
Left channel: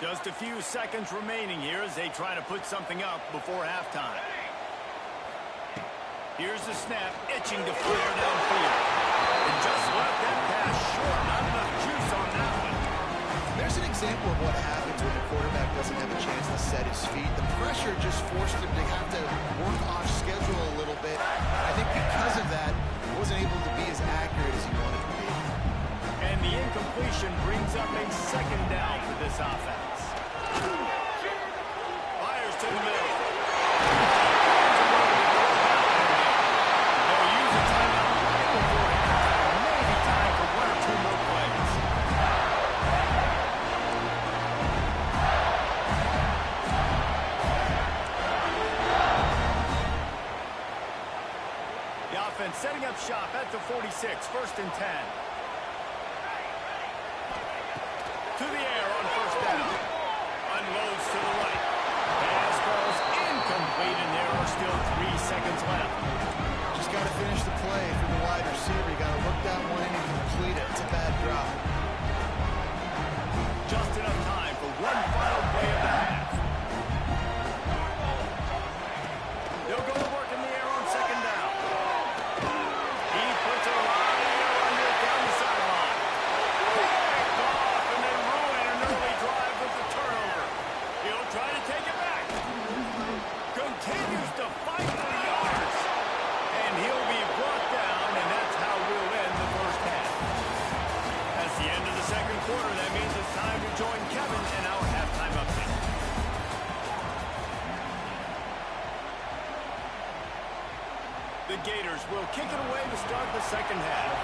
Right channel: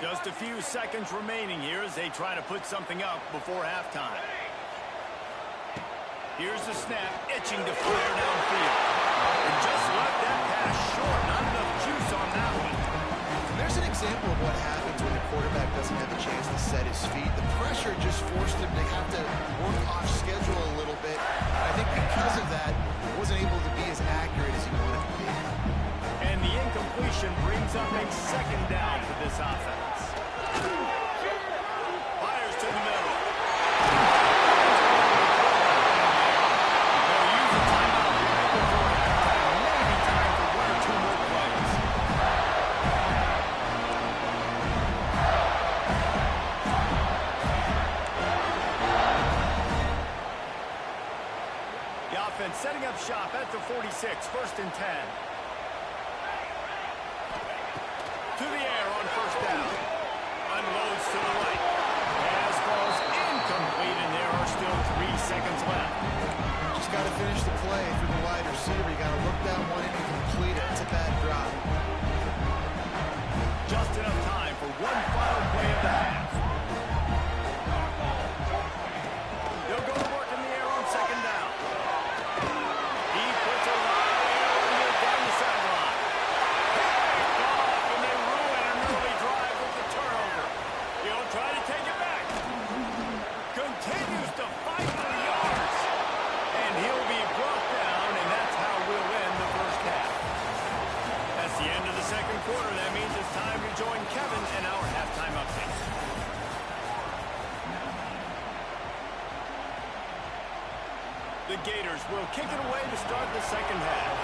Just a few seconds remaining here as they try to put something up before halftime. Here's the snap, itching to fire downfield. And just left that pass short. Not enough juice on that one. There's an example of what happens when the quarterback doesn't have a chance to set his feet. The pressure just forced him to have to work off schedule a little bit. I think because of that, he wasn't able to be as accurate as he wanted to be. And the incompletion brings up a second down for this offense. Fires to the middle. They'll use a timeout right before halftime. Maybe time for one or two more plays. The offense setting up shop at the 46, 1st and 10. To the air on first down. Unloads to the right. Pass falls incomplete, and there are still 3 seconds left. Just got to finish the play through the wide receiver. You got to look down one and complete it. It's a bad drop. Just enough time for one final play of the half. They'll go to work in the air on second down. He puts a lot of air under it down the sideline. Picked off, and they ruin an early drive with the turnover. He'll try to take it back. Continues to fight for yards. And he'll be brought down, and that's how we'll end the first half. That's the end of the second quarter. That means it's time to join Kevin in our halftime update. The Gators will kick it away to start the second half.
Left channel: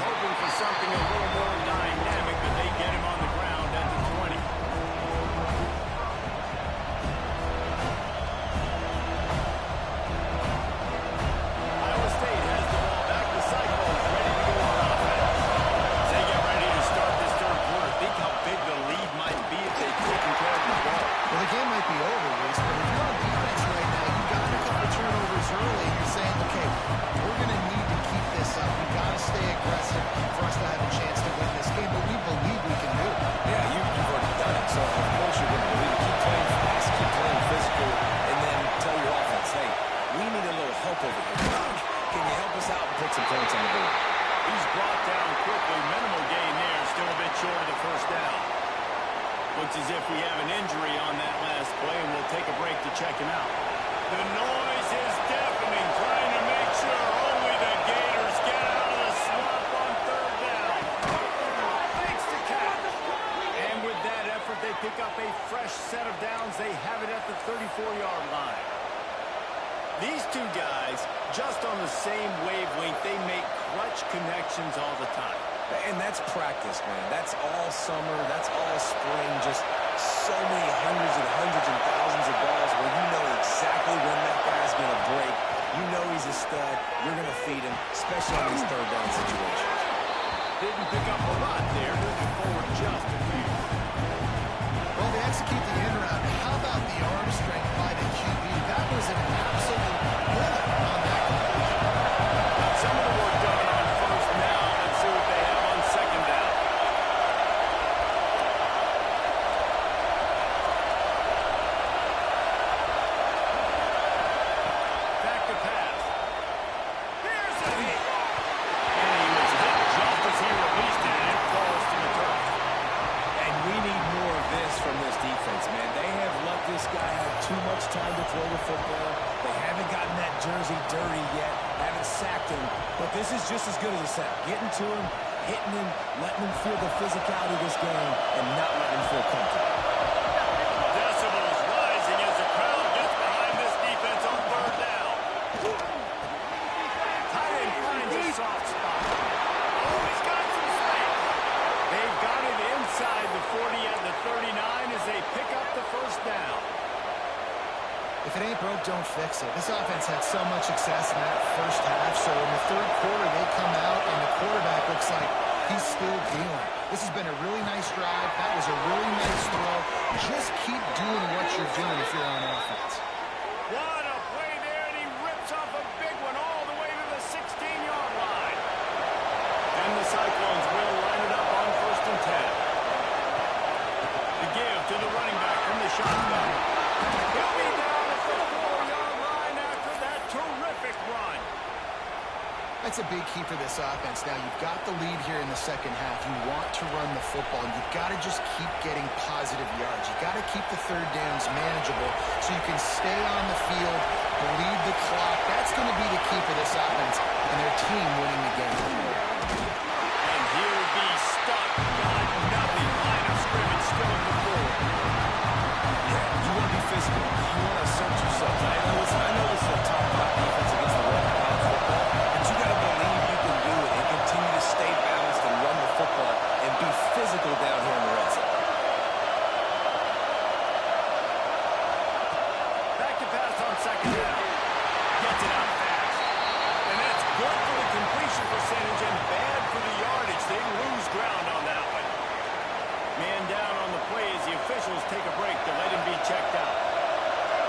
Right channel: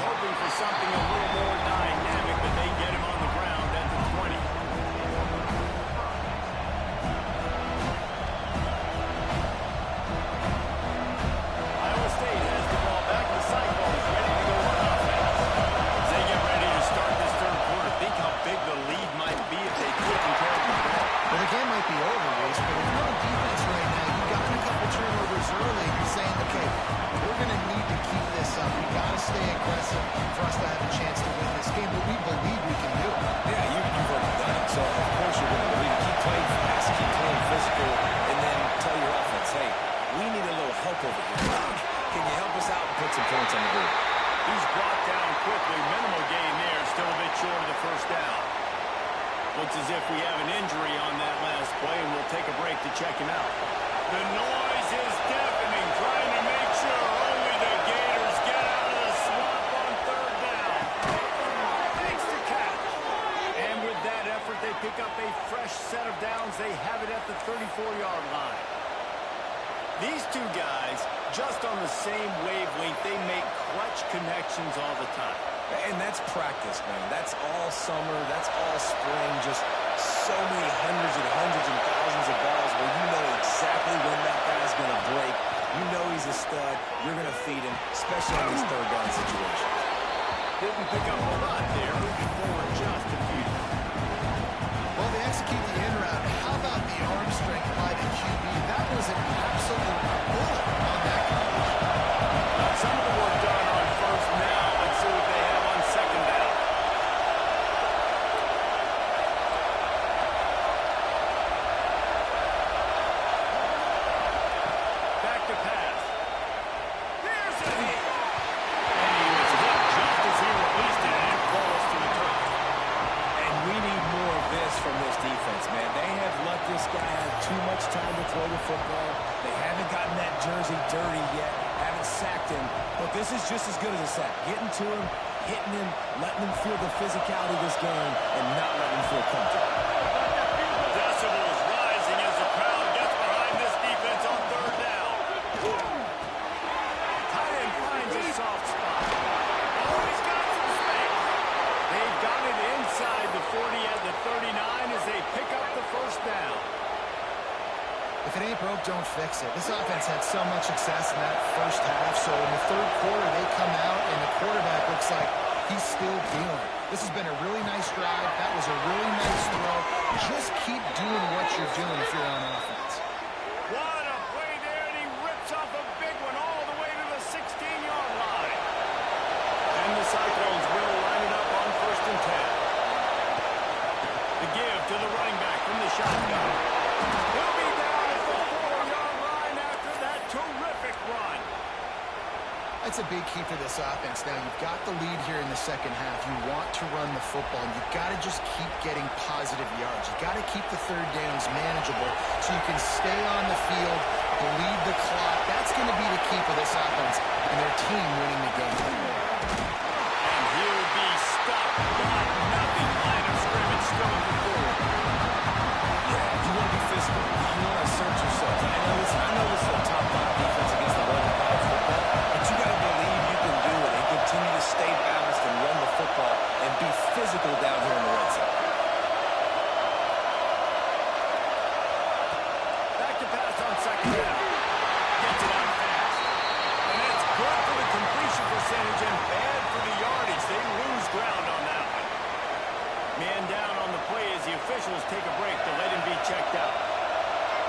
Hoping for something a little more dynamic, but they get him on the ground at the 20. Can you help us out and put some points on the board? He's brought down quickly. Minimal gain there. Still a bit short of the first down. Looks as if we have an injury on that last play, and we'll take a break to check him out. The noise is deafening, trying to make sure only the Gators get out of the swamp on third down. Thanks to catch. And with that effort, they pick up a fresh set of downs. They have it at the 34-yard line. These two guys, just on the same wavelength, they make clutch connections all the time. And that's practice, man. That's all summer. That's all spring. Just so many hundreds and thousands of balls where you know exactly when that guy's going to break. You know he's a stud. You're going to feed him, especially on these third down situations. Didn't pick up a lot there. Moving forward just a few. Well, they execute the end route. How about the arm strength by the QB? That was an absolute bullet on that completion. Got some of the work done on first. Now let's see what they have on second down. Back to pass. Here's a hit. And he was hit just as he released it, and it falls to the turf. And we need more of this from this defense, man. They have let this guy have too much time to throw the football. They haven't gotten that jersey dirty yet, haven't sacked him. But this is just as good as a sack. Getting to him, hitting him, letting him feel the physicality of this game, and not letting him feel comfortable. Decibels rising as the crowd gets behind this defense on third down. Tight end finds a soft spot. Oh, he's got some space. They've got it inside the 40 at the 39 as they pick up the first down. If it ain't broke, don't fix it. This offense had so much success in that first half, so in the third quarter they come out and the quarterback looks like he's still dealing. This has been a really nice drive. That was a really nice throw. Just keep doing what you're doing if you're on offense. What a play there, and he rips off a big one all the way to the 16-yard line. And the Cyclones will line it up on first and 10. The give to the running back from the shotgun. He'll be down at the 4-yard line after that terrific run. That's a big key for this offense. Now, you've got the lead here in the second half. You want to run the football, and you've got to just keep getting positive yards. You've got to keep the third downs manageable so you can stay on the field, bleed the clock. That's going to be the key for this offense and their team winning the game. And he'll be stuck. Got nothing. Line of scrimmage still at the 4. You want to be physical. You want to assert yourself. I know this is a top 5 defense against the run of college football, but you got to believe you can do it and continue to stay balanced and run the football and be physical down here in the red zone. Back to pass on second down. Gets it out fast. And that's good for the completion percentage and bad for the yardage. They lose ground on that one. Man down on the play as the officials take a break to let him be checked out.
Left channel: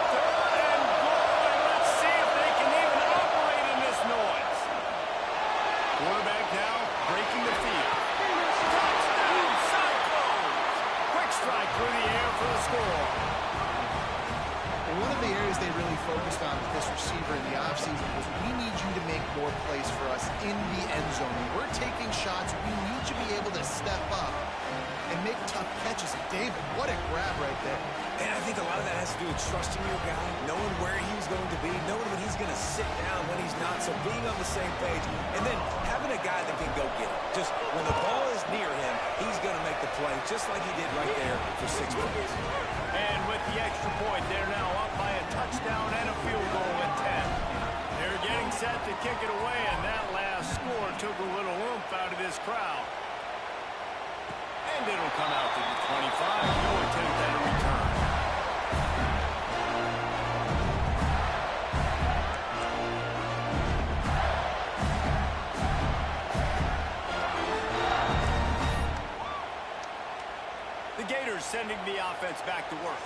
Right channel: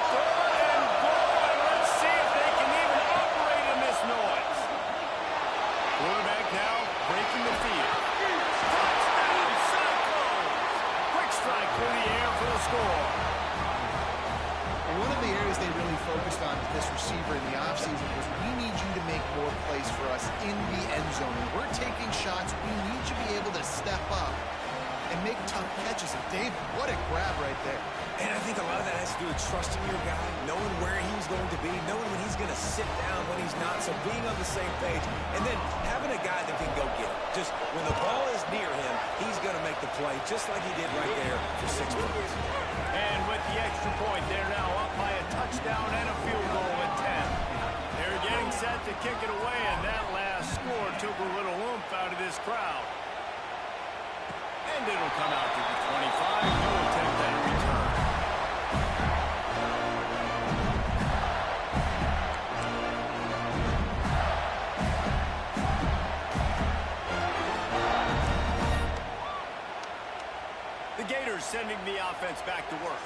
Third and goal, and let's see if they can even operate in this noise. Quarterback now breaking the field. Touchdown, Cyclones! Quick strike through the air for the score. And one of the areas they really focused on with this receiver in the offseason was we need you to make more plays for us in the end zone. When we're taking shots, we need you to be able to step up and make tough catches. And David, what a grab right there. And I think a lot of that has to do with trusting your guy, knowing where he's going to be, knowing when he's going to sit down, when he's not, so being on the same page, and then having a guy that can go get it. Just when the ball is near him, he's going to make the play, just like he did right there for 6 points. And with the extra point, they're now up by a touchdown and a field goal at 10. They're getting set to kick it away, and that last score took a little oomph out of this crowd. And it'll come out to the 25. No attempt at a return. The Gators sending the offense back to work.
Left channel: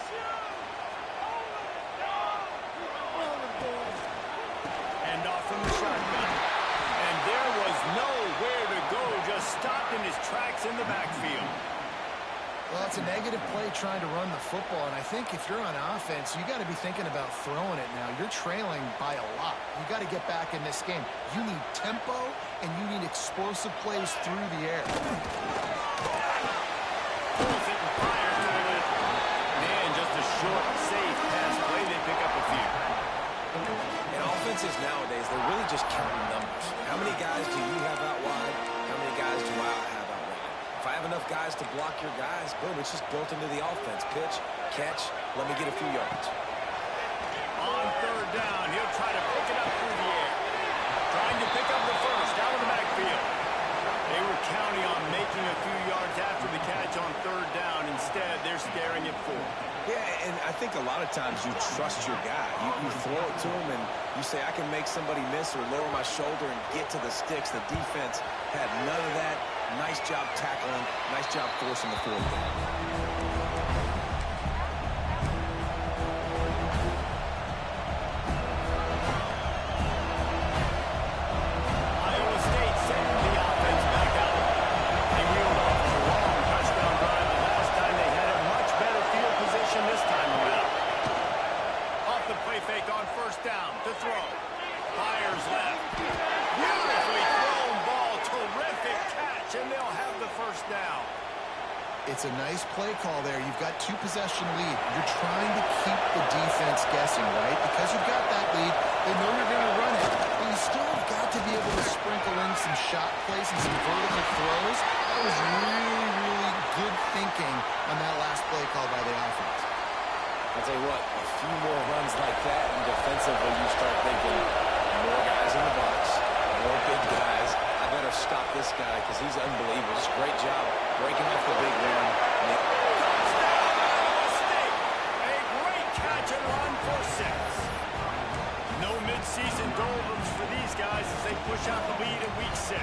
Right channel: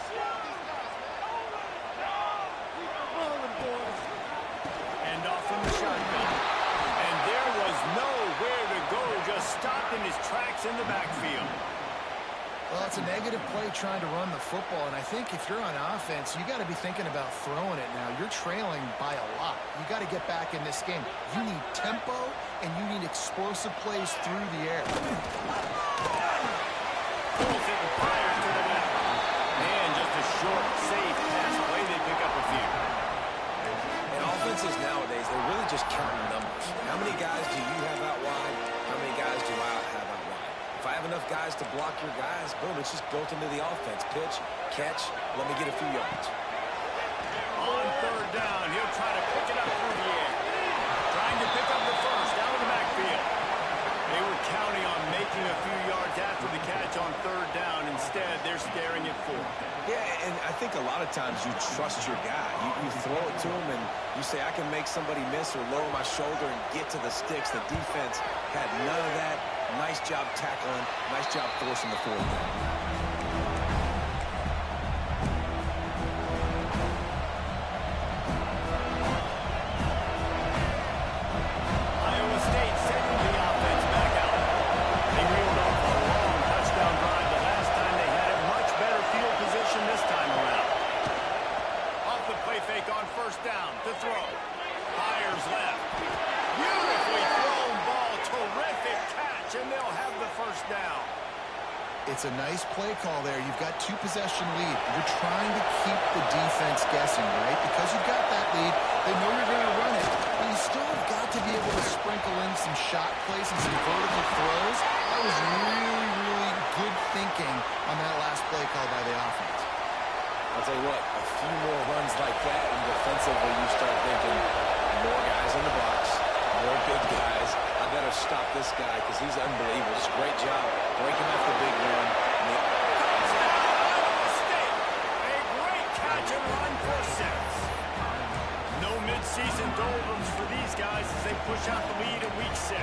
And off from the shotgun. And there was nowhere to go, just stopped in his tracks in the backfield. Well, it's a negative play trying to run the football, and I think if you're on offense, you got to be thinking about throwing it now. You're trailing by a lot. You got to get back in this game. You need tempo, and you need explosive plays through the air. Pulls it and fires to the left. Man, just a short, safe pass play. They pick up a few. And offenses nowadays, they're really just counting numbers. How many guys do you have out wide? How many guys do I have out wide? If I have enough guys to block your guys, boom, it's just built into the offense. Pitch, catch, let me get a few yards. On third down, he'll try to pick it up through the air. Trying to pick up the first out of the backfield. They were counting on making a few yards after the catch on third down. Instead, they're staring at 4. Yeah, and I think a lot of times you trust your guy. You throw it to him, and you say, I can make somebody miss or lower my shoulder and get to the sticks. The defense had none of that. Nice job tackling. Nice job forcing the fourth down. Iowa State sending the offense back out. They reeled off a long touchdown drive the last time. They had a much better field position this time around. Off the play fake on first down to throw. Fires left. Beautifully thrown ball. Terrific catch, and they'll have the first down. It's a nice play call there. You've got 2-possession lead. You're trying to keep the defense guessing, right? Because you've got that lead, they know you're going to run it, but you still have got to be able to sprinkle in some shot plays and some vertical throws. That was really, really good thinking on that last play call by the offense. I'll tell you what, a few more runs like that, and defensively you start thinking more guys in the box, more big guys. I better stop this guy because he's unbelievable. Just a great job breaking off the big run. Touchdown, Iowa State! A great catch and run for 6. No midseason doldrums for these guys as they push out the lead in week 6.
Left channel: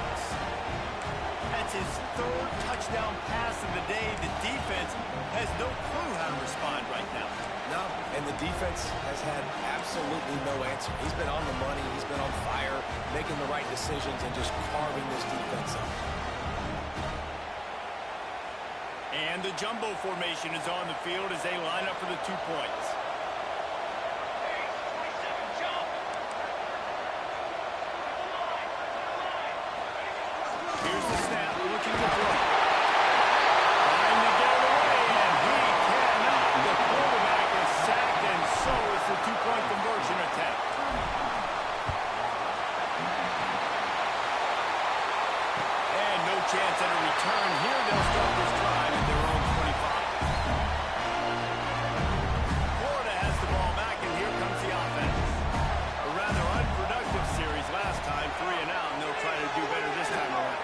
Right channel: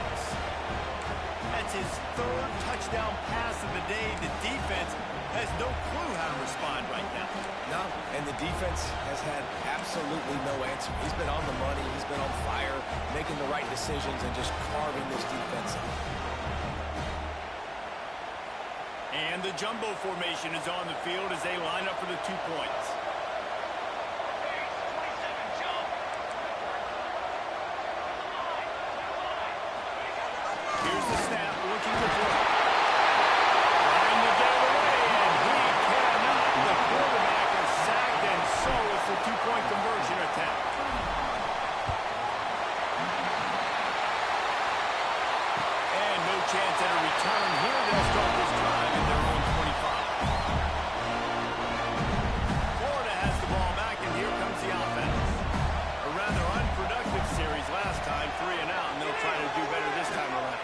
That's his 3rd touchdown pass of the day. The defense has no clue how to respond right now. No, and the defense has had absolutely no answer. He's been on the money. He's been on fire, making the right decisions and just carving this defense up. And the jumbo formation is on the field as they line up for the 2 points. Here's the snap, looking to throw. Trying to get it away, and he cannot. The quarterback is sacked, and so is the 2-point conversion attempt. And no chance at a return here. They'll start this drive at their own 25. Florida has the ball back, and here comes the offense. A rather unproductive series last time, 3 and out, and they'll try to do better this time around.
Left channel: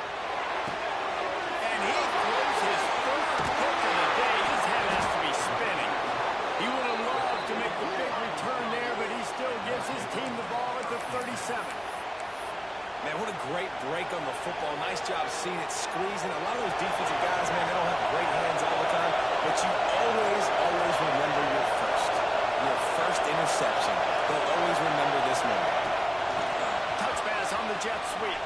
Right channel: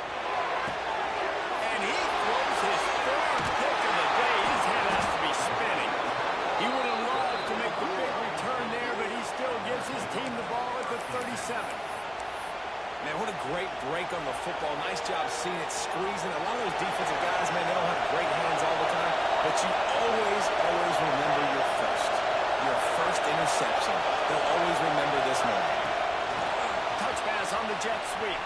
And he throws his 3rd pick of the day. His head has to be spinning. He would have loved to make the big return there, but he still gives his team the ball at the 37. Man, what a great break on the football. Nice job seeing it squeezing. A lot of those defensive guys, man, they don't have great hands all the time, but you always remember your first interception. They'll always remember this moment. Touch pass on the jet sweep.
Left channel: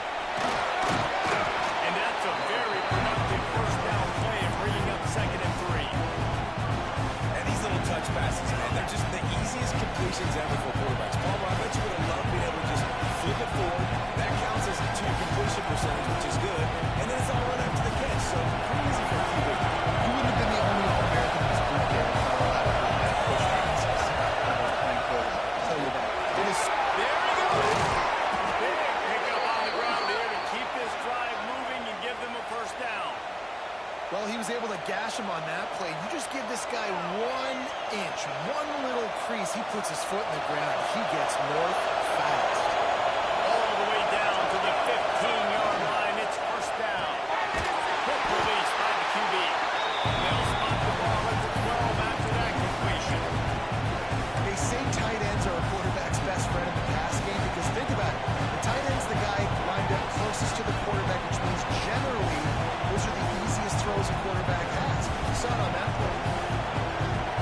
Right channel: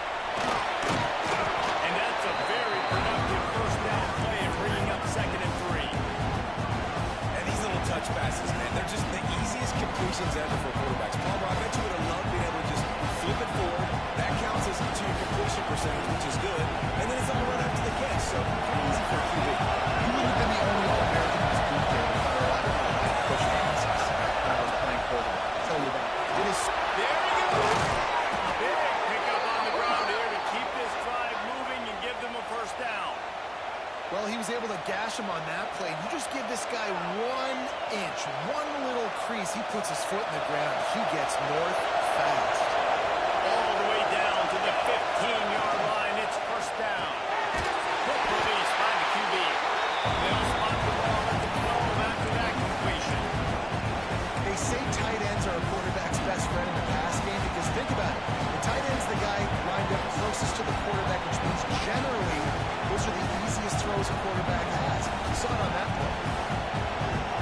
And that's a very productive first down play and bringing up 2nd and 3. And these little touch passes, man, they're just the easiest completions ever for quarterbacks. Palmer, I bet you would have loved being able to just flip it forward. That counts as to your completion percentage, which is good. And then it's all run after the catch, so pretty easy for a QB. You wouldn't have been the only All-American in this boot camp if I were allowed to pull back push passes when I was playing quarterback. I'll tell you that. It is. There he goes. Big pickup on the ground here to keep this drive moving and give them a first down. Well, he was able to gash him on that play. You just give this guy 1 inch, one little crease. He puts his foot in the ground. He gets north fast. All the way down to the 15-yard line. It's first down. Quick release by the QB. They'll spot the ball at the 12 after that completion. They say tight ends are a quarterback's best friend in the pass game because think about it. The tight end's the guy lined up closest to the quarterback, which means generally those are the easiest throws a quarterback has. You saw it on that play.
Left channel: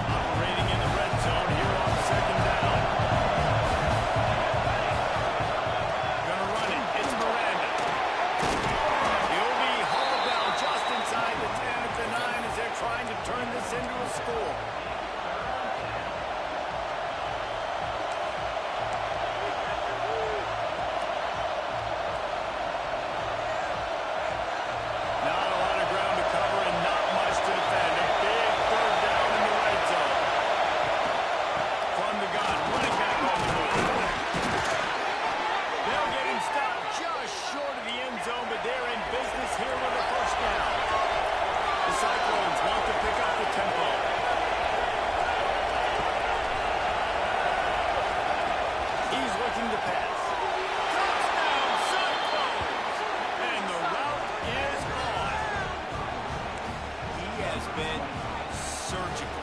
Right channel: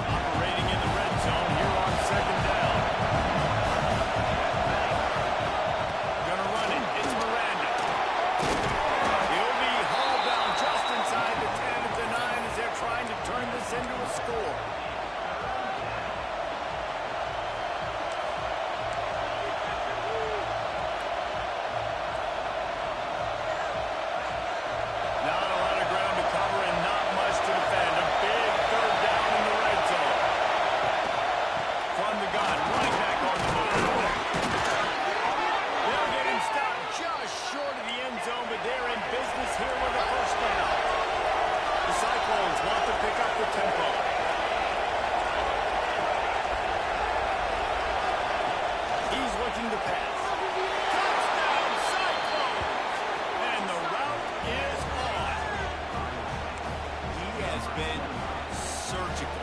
Operating in the red zone here on 2nd down. Gonna run it. It's Miranda. He'll be hauled down just inside the 10 at the 9 as they're trying to turn just short of the end zone, but they're in business here with a first down. The Cyclones want to pick up the tempo. He's looking to pass. Touchdown, Cyclones! And the route is on. He has been surgical.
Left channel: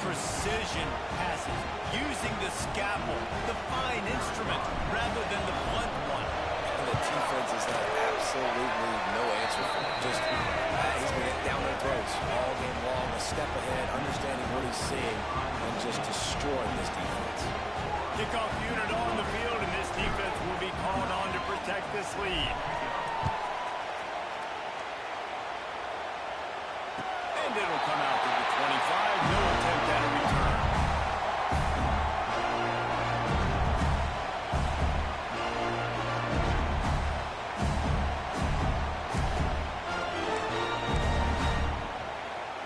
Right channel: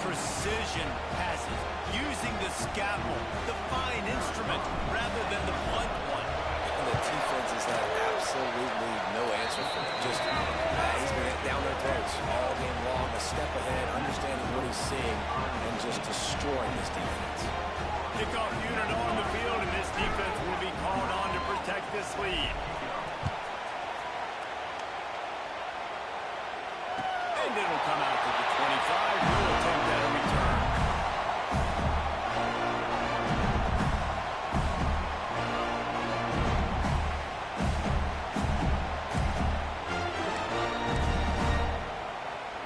Precision passes, using the scalpel, the fine instrument, rather than the blunt one. And the defense has had absolutely no answer for him. Just, he's been down their throats all game long, a step ahead, understanding what he's seeing, and just destroying this defense. Kickoff unit on the field, and this defense will be called on to protect this lead. And it'll come out to the 25. No attempt at a return.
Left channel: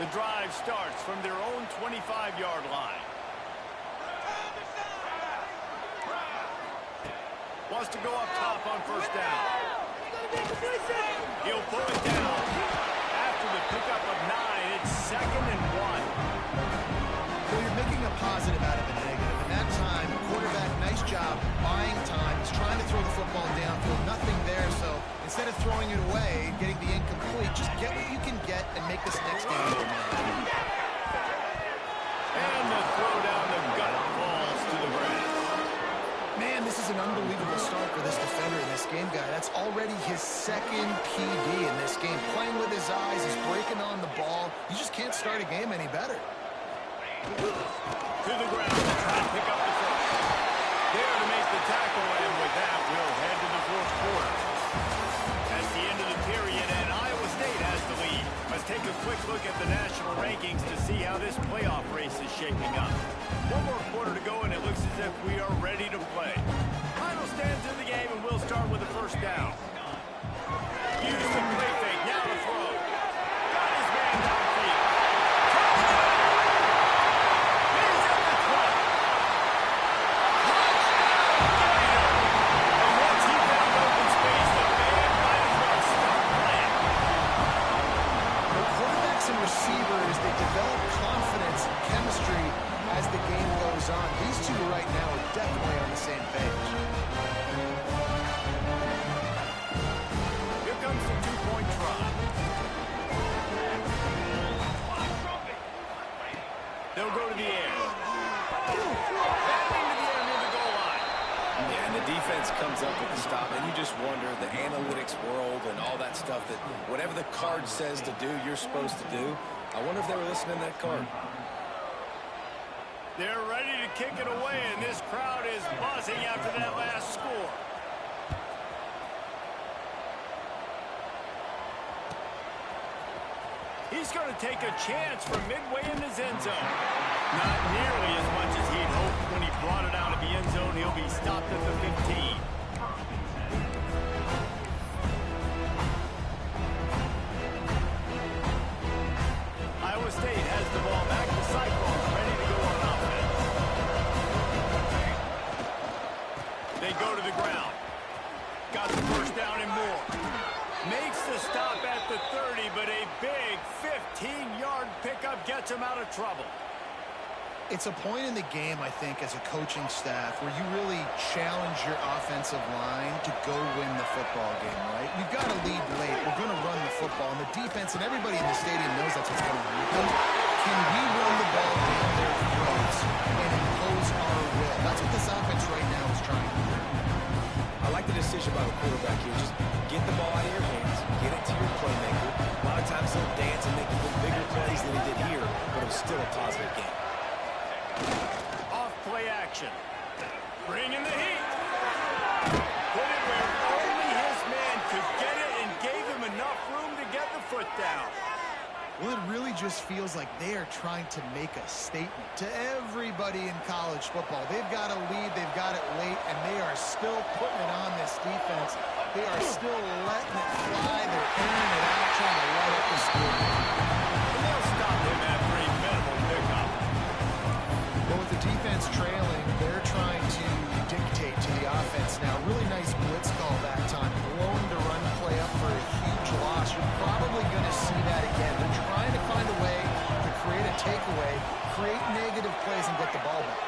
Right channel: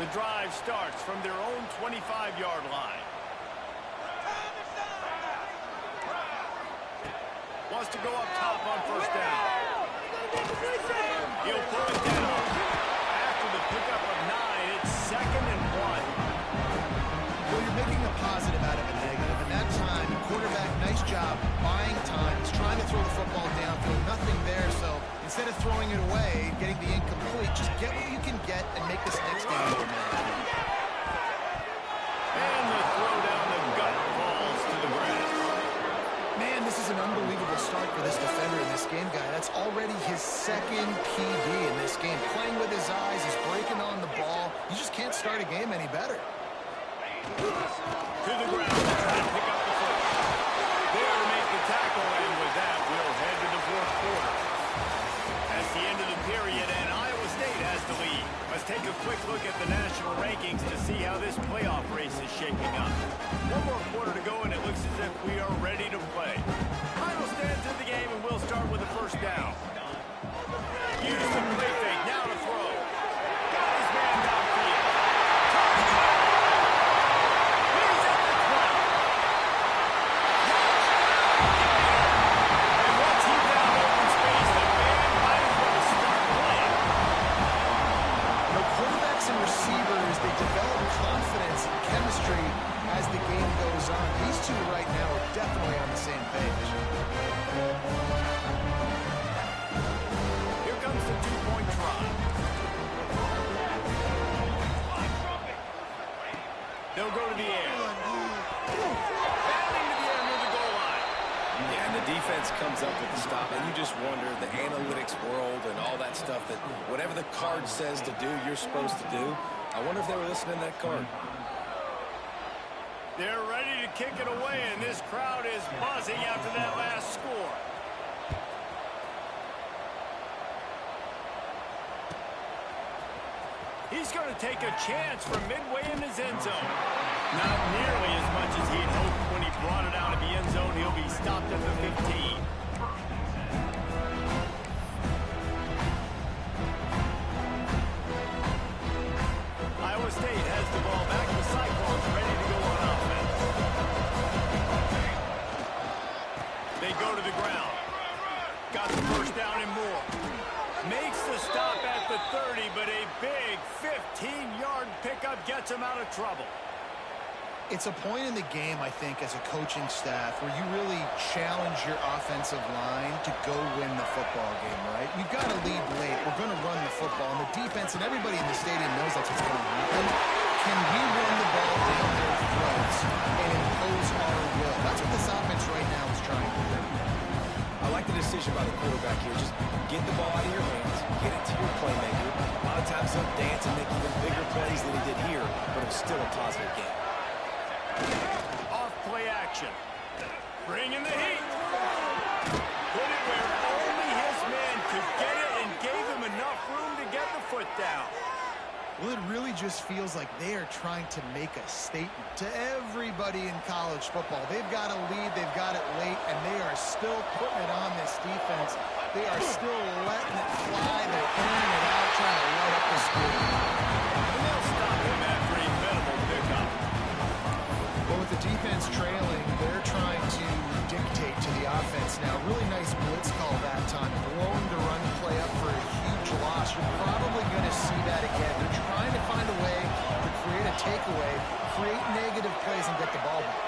The drive starts from their own 25-yard line. Wants to go up top on first down. He'll pull it down. After the pickup of 9, it's 2nd and 1. Well, you're making a positive out of a negative. And that time, quarterback, nice job buying time. He's trying to throw the football downfield. Nothing there, so instead of throwing it away, getting the incomplete, just get what you can get and make this next game go, man. And the throw down the gut falls to the grass. Man, this is an unbelievable start for this defender in this game, guy. That's already his 2nd PD in this game. Playing with his eyes, he's breaking on the ball. You just can't start a game any better. To the ground to try to pick up the first. There to make the tackle, and with that, we'll head to the 4th quarter. That's the end of the period, and Iowa State has the lead. Let's take a quick look at the national rankings to see how this playoff race is shaping up. One more quarter to go, and it looks as if we are ready to play. Final stands in the game, and we'll start with the first down. Use the play fake, now to throw. Got his man downfield. Touchdown! He's at the 20. Touchdown, Gator! And once he found open space, the band might as well start playing. You know, quarterbacks and receivers, they develop confidence and chemistry as the game goes on. These two right now are definitely on the same page. Here comes the 2-point try. They'll go to the air. Batting to the air near the goal line. Yeah, and the defense comes up with the stop, and you just wonder, the analytics world and all that stuff, that whatever the card says to do, you're supposed to do. I wonder if they were listening to that card. They're ready to kick it away, and this crowd is buzzing after that last score. He's going to take a chance from midway in his end zone. Not nearly as much as he'd hoped when he brought it out of the end zone. He'll be stopped at the 15. Iowa State has the ball back. The Cyclones ready to go on offense. They go to the ground. Got the first down and more. Makes the stop at the 30, but a big 15-yard pickup gets him out of trouble. It's a point in the game, I think, as a coaching staff where you really challenge your offensive line to go win the football game, right? We've got to lead late. We're going to run the football. And the defense and everybody in the stadium knows that's what's going to happen. Can we run the ball down their throats and impose our will? That's what this offense right now is trying to do. I like the decision by the quarterback here. Just get the ball out of your hands, get it to your playmaker. A lot of times he'll dance and make even bigger plays than he did here, but it was still a positive game. Off play action. Bring in the heat. Put it where only his man could get it and gave him enough room to get the foot down. Well, it really just feels like they are trying to make a statement to everybody in college football. They've got a lead, they've got it late, and they are still putting it on this defense. They are still letting it fly. They're airing it out, trying to light up the score. And they'll stop him after a minimal pickup. Well, with the defense trailing, they're trying to dictate to the offense now. Really nice blitz call that time. you're probably going to see that again. They're trying to find a way to create a takeaway, create negative plays, and get the ball back.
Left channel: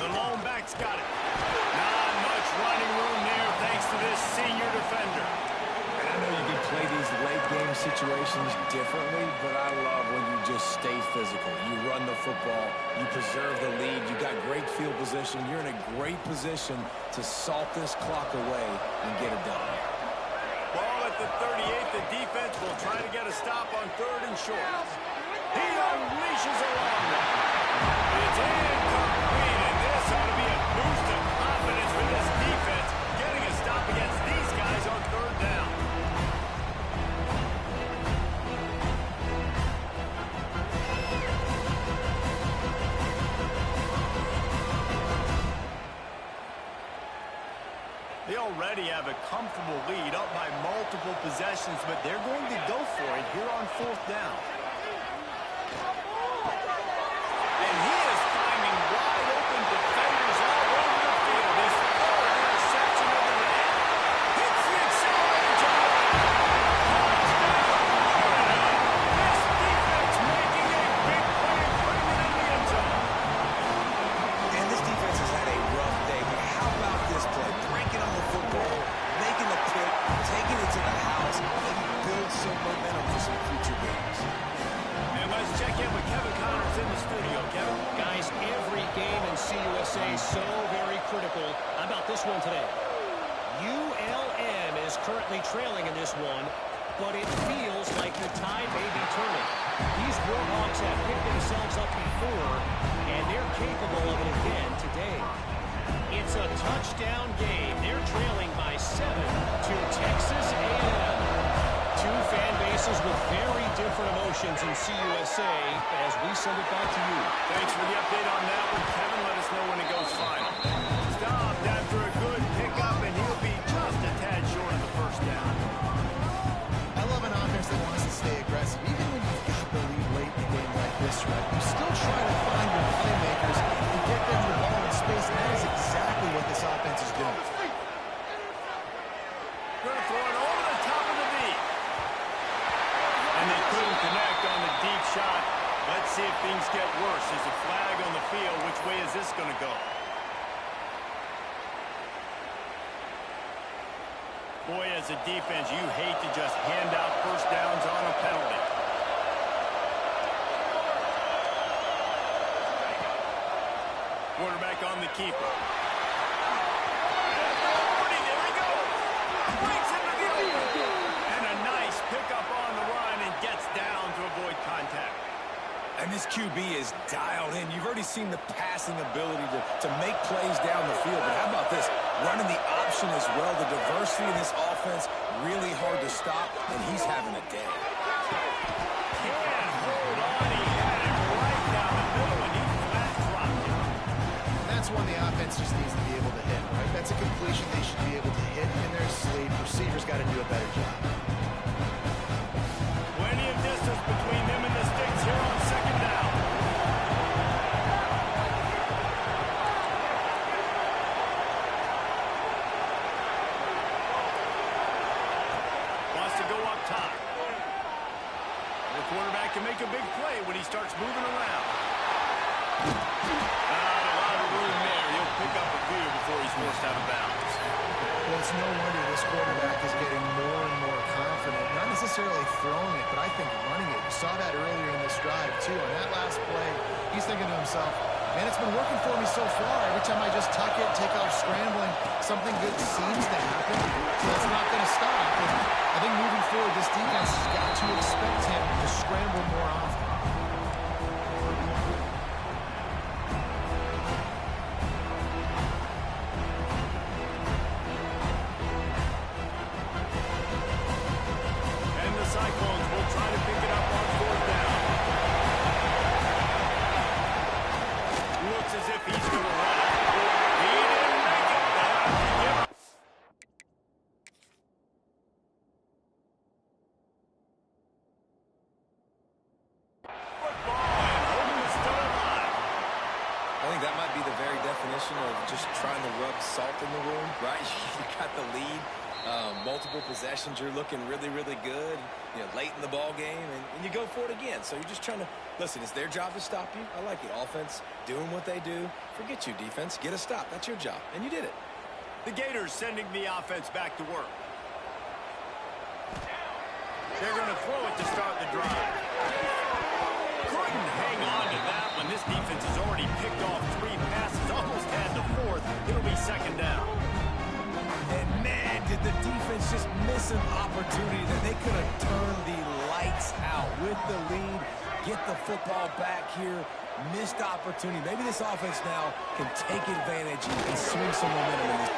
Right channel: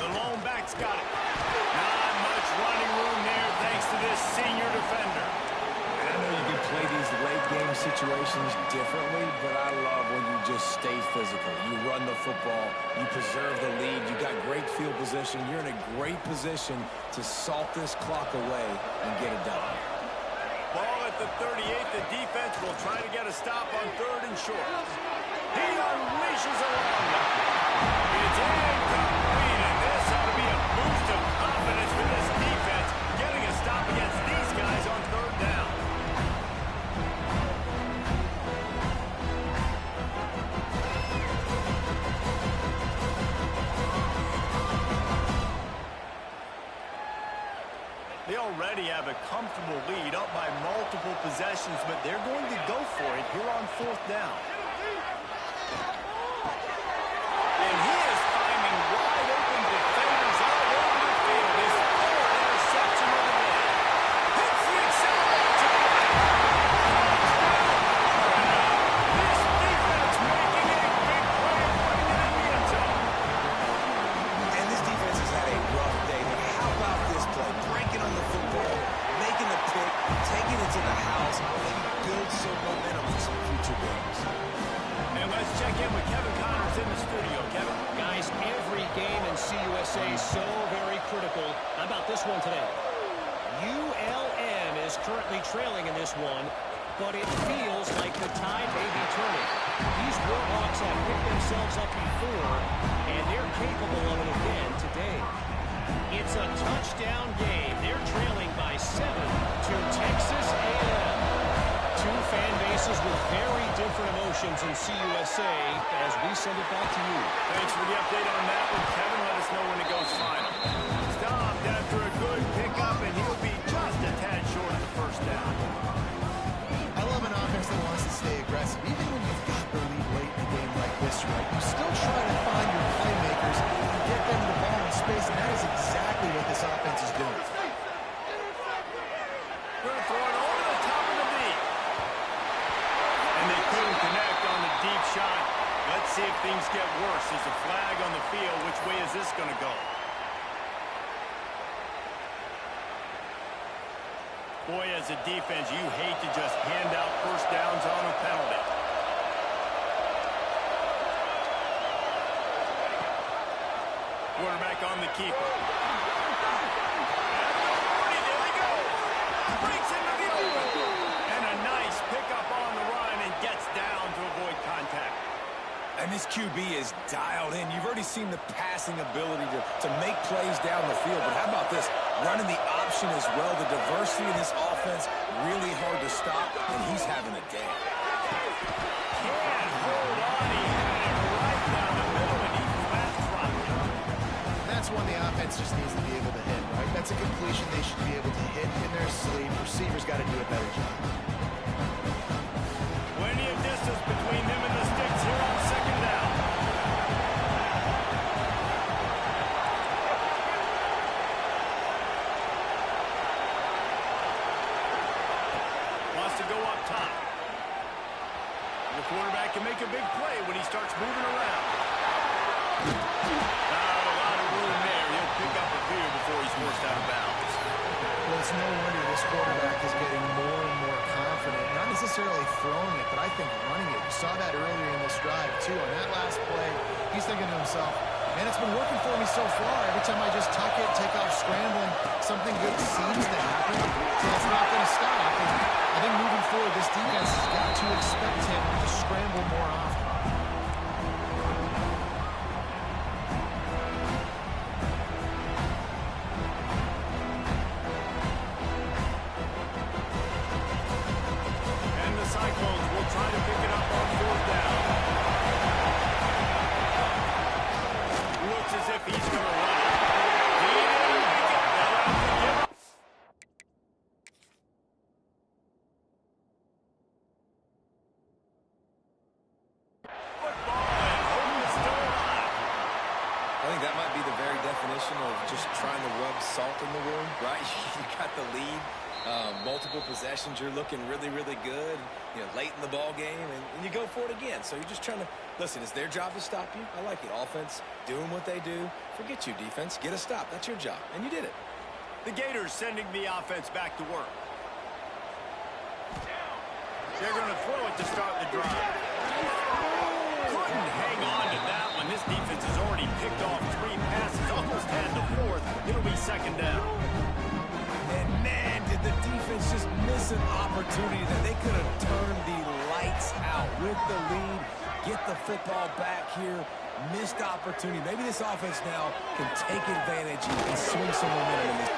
The lone back's got it. Not much running room there thanks to this senior defender. And I know you can play these late-game situations differently, but I love when you just stay physical. You run the football, you preserve the lead, you got great field position, you're in a great position to salt this clock away and get it done. Ball at the 38. The defense will try to get a stop on 3rd and short. He unleashes a long one. It's incomplete, and this ought to be a boost of confidence for this defense, getting a stop against these guys on 3rd down. They already have a comfortable lead, up by multiple possessions, but they're going to go for it here on 4th down. And he is finding wide open defenders all over the field. His 4th interception of the day. Hits the accelerator to the right. Touchdown, Florida. This defense making a big play and putting it in the end zone. And this defense has had a rough day, but how about this play? Breaking on the football, making the pick, taking it to the house, maybe build some momentum for some future games. And let's check in with Kevin Connors in the studio. Kevin? Guys, every game in CUSA is so very critical. How about this one today? ULM is currently trailing in this one, but it feels like the tide may be turning. These Warhawks have picked themselves up before, and they're capable of it again today. It's a touchdown game. They're trailing by 7 to Texas A&M. Two fan bases with very different emotions in CUSA as we send it back to you. Thanks for the update on that one, Kevin. Let us know when it goes final. Stopped after a good pickup, and he'll be just a tad short of the 1st down. I love an offense that wants to stay aggressive. Even when you've got the lead late in a game like this, right, you still try to find your playmakers and get them the ball in space, and that is exactly what this offense is doing. Going to throw it over the top of the knee. And they couldn't connect on the deep shot. Let's see if things get worse. There's a flag on the field. Which way is this going to go? Boy, as a defense, you hate to just hand out 1st downs on a penalty. Quarterback on the keeper. At the 40, there he goes. Breaks into the open. And a nice pickup on the run and gets down to avoid contact. And this QB is dialed in. You've already seen the passing ability to make plays down the field. But how about this? Running the option as well. The diversity in this offense, really hard to stop, and he's having a day. Can't hold on. He had it right down the middle, and he flat dropped it. And that's one the offense just needs to be able to hit, right? That's a completion they should be able to hit in their sleep. Receivers got to do a better job. Plenty of distance between them and the sticks here on 2nd down. Wants to go up top. The quarterback can make a big play when he starts moving around. Not a lot of room there. He'll pick up a few before he's forced out of bounds. Well, it's no wonder this quarterback is getting more and more confident. Not necessarily throwing it, but I think running it. You saw that earlier in this drive, too. On that last play, he's thinking to himself, man, it's been working for me so far. Every time I just tuck it, take off scrambling, something good seems to happen, so it's not going to stop. And I think moving forward, this defense has got to expect him to scramble more often. And the Cyclones will try to pick it up on 4th down. Looks as if he's going to run it. He didn't make it. They'll have to give up. Football, and hope is still alive. I think that might be the very definition of just trying to rub salt in the wound, right? You got the lead. Multiple possessions, you're looking really, really good, late in the ball game, and you go for it again. So you're just trying to, listen, it's their job to stop you. I like it. Offense, doing what they do. Forget you, defense. Get a stop. That's your job, and you did it. The Gators sending the offense back to work. They're going to throw it to start the drive. Couldn't hang on to that one. This defense has already picked off 3 passes, almost had the 4th. It'll be 2nd down. And, man, did the defense just miss an opportunity that they could have turned the lights out with the lead, get the football back here, missed opportunity. Maybe this offense now can take advantage and swing some momentum in this.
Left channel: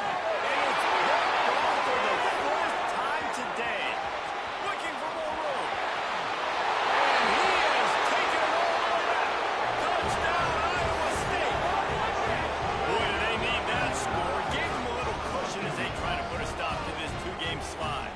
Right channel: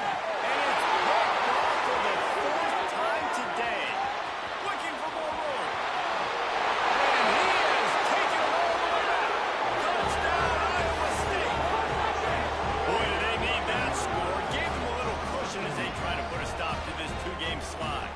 And it's picked off for the 4th time today. Looking for more room. And he has taken it all the way back. Touchdown, Iowa State. Boy, do they need that score. Gave them a little cushion as they try to put a stop to this 2-game slide.